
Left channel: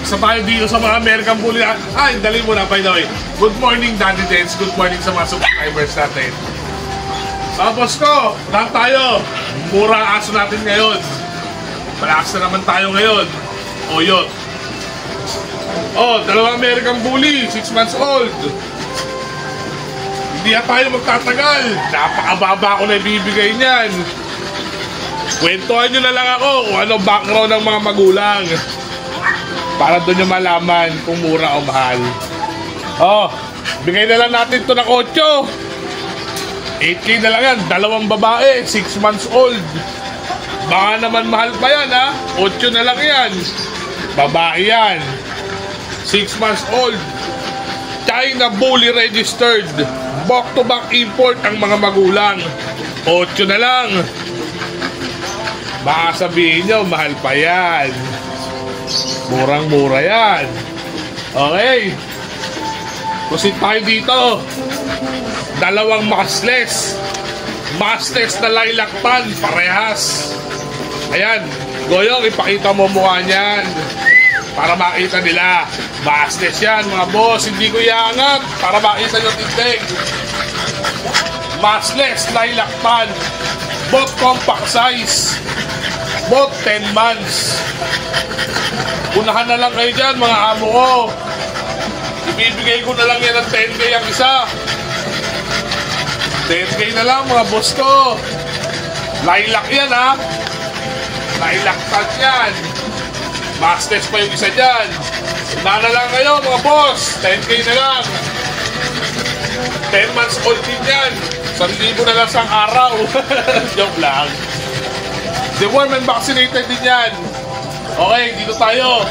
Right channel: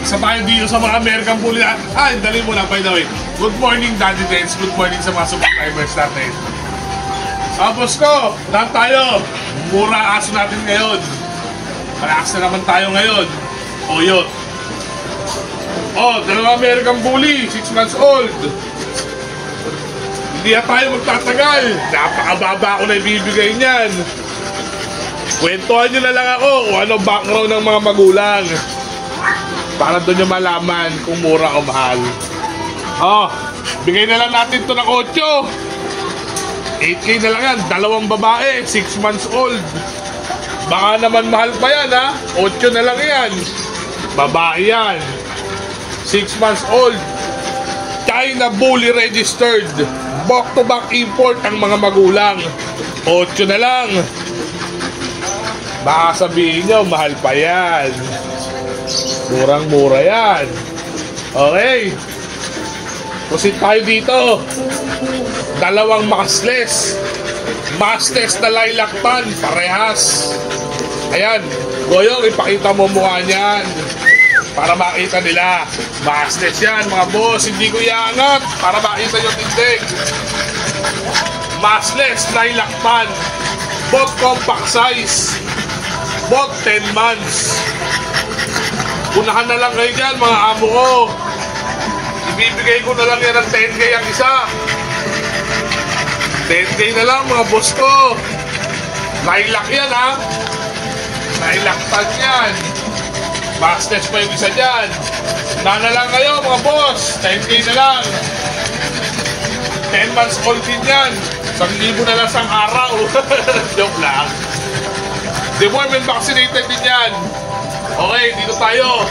Isa tayo dito sa mga American Bully. Ay, dali mo na by the way. Good morning Daddy Dance. Good morning sa mga subscribers natin. Boss ko, lahat tayo. Mura ang aso natin ngayon. Malakas na naman tayo ngayon. O yun. Dalawang American Bully, 6 months old. Hindi na tayo magtatagal. Napakababa ko na ibibigay niyan. Kwentuhan nyo na lang ako kung ano background ng mga magulang. Para doon nyo malaman kung mura o mahal. Bigay na lang natin ito ng 8. 8K na lang yan. Dalawang babae, 6 months old. Baka naman mahal pa yan ha. 8 na lang yan. Babae yan. 6 months old. China Bully registered. Back-to-back import ang mga magulang. 8 na lang. Baka sabihin nyo, mahal pa yan. Murang-mura yan. Okay. Proceed tayo dito. Dalawang makasles. Mastes na lilac tan. Parehas. Ayan. Goyong, ipakita mo mukha niyan. Para makita nila. Mastes yan, mga boss. Hindi ko iangat. Para makita yung tindig. Masles lilac tan. Both compact size. Both 10 months. Unahan na lang kayo dyan, mga amo ko. Ibibigay ko na lang yan ng 10K ang isa. 10K na lang, mga boss ko. Lilac yan, ha? Lilac tag yan. Masters pa yung isa dyan. Unahan na lang kayo, mga boss. 10K na lang. 10 months old din yan. 1,000 na lang sang araw. Joke lang. Deworm and vaccinated din yan. Okay, dito tayo.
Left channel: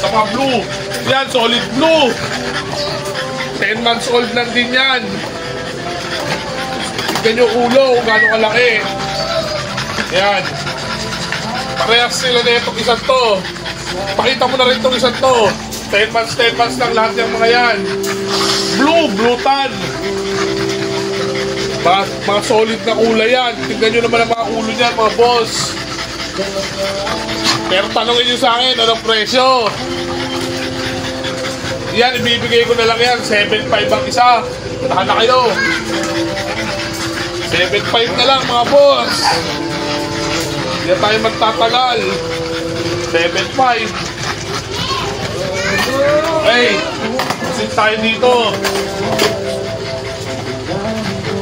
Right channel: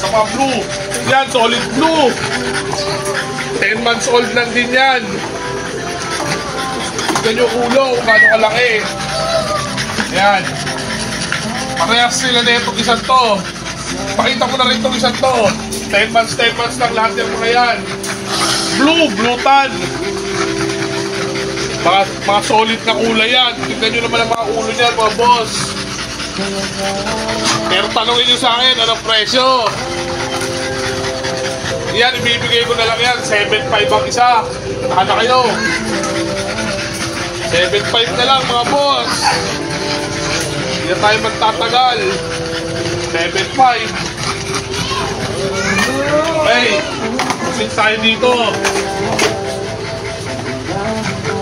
Sa mga blue. Yan, solid blue. 10 months old lang din yan. Tignan yung ulo kung gano'ng kalaki. Yan. Parehas sila na itong isang to. Pakita ko na rin itong isang to. 10 months lang lahat yung mga yan. Blue tan. Mga solid na kulay yan. Tignan nyo naman ang mga ulo niyan, mga boss. Pero tanongin nyo sa akin, anong presyo? Yan, ibibigay ko na lang yan. 7.5 ang isa. Naka na kayo. 7.5 na lang, mga boss. Hindi na tayo magtatagal. 7.5. Okay. Sit tayo dito.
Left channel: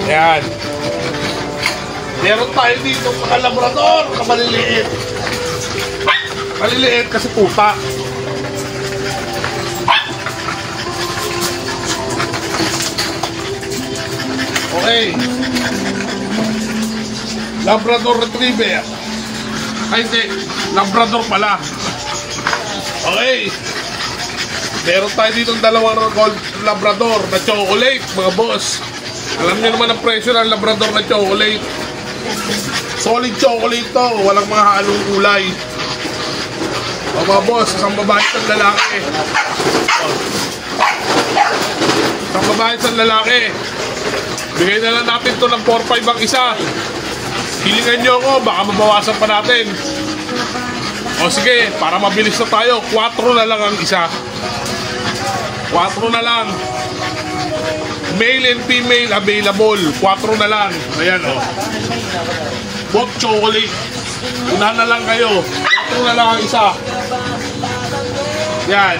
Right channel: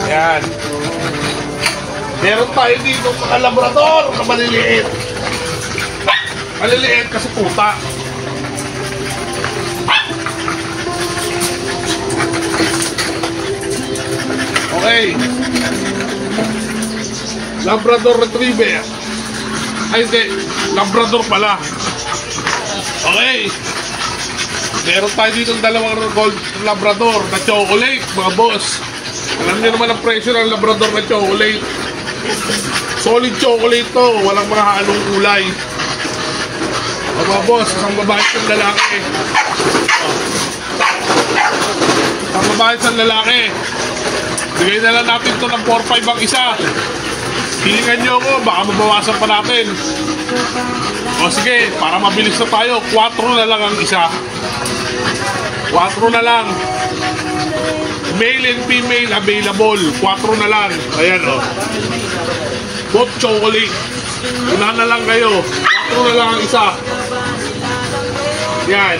Yan. Meron tayo dito mga labrador na maliliit. Maliliit kasi puta. Okay. Labrador Retriever. Ay hindi, Labrador pala. Okay. Meron tayo dito dalawang gold Labrador na chocolate, mga boss. Alam niyo naman ang presyo ng Labrador na chocolate. Solid chocolate to, walang mga halong kulay. Mga boss, isang babae at lalaki. Isang babae at lalaki. Bigay na lang natin to ng 4-5 ang isa. Hihingan nyo ako, baka mabawasan pa natin. O sige, para mabilis na tayo, 4 na lang ang isa. 4 na lang. Male and female available. 4 na lang. Ayan o. Both chocolate. Unahan na lang kayo. 4 na lang ang isa. Yan.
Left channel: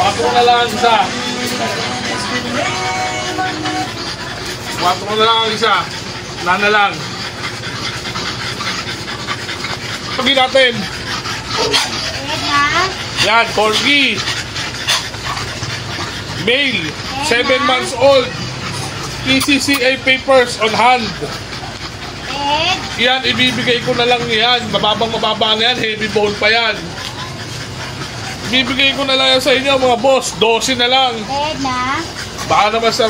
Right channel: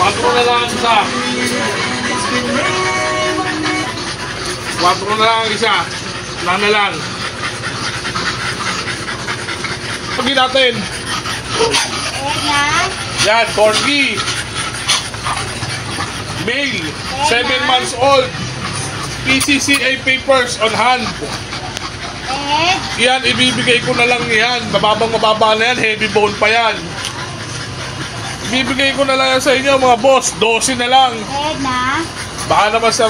4 na lang ang isa. 4 na lang ang isa. Unahan na lang. Pagin natin. Yan, corgi. Male, 7 months old. PCCA papers on hand. Yan, ibibigay ko na lang yan. Mababa na yan, heavy bone pa yan. Ibibigay ko na lang yan sa inyo mga boss. 12 na lang. Baka naman sa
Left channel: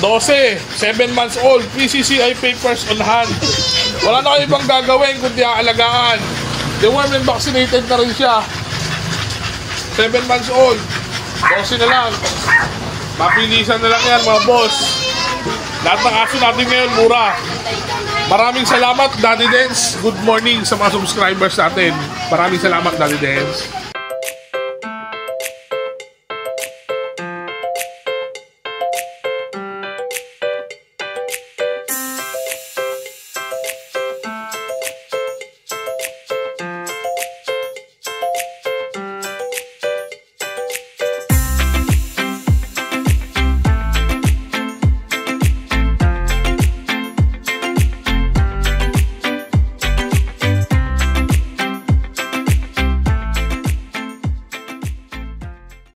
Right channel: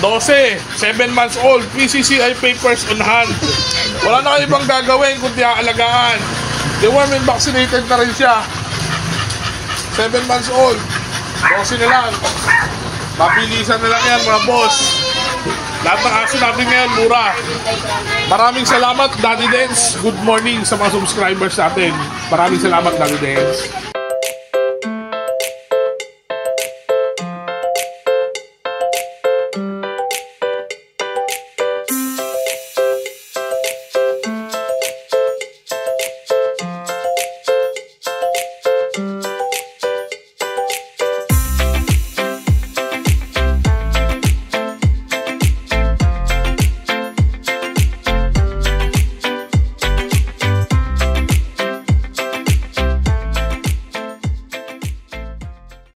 12, 7 months old, PCCI papers on hand. Wala na kayo ibang gagawin kundi aalagaan. Deworm and vaccinated na rin siya. 7 months old, 12 na lang. Mapilisan na lang yan mga boss. Lahat ng aso natin ngayon, mura. Maraming salamat, Daddy Dance. Good morning sa mga subscribers natin. Maraming salamat, Daddy Dance.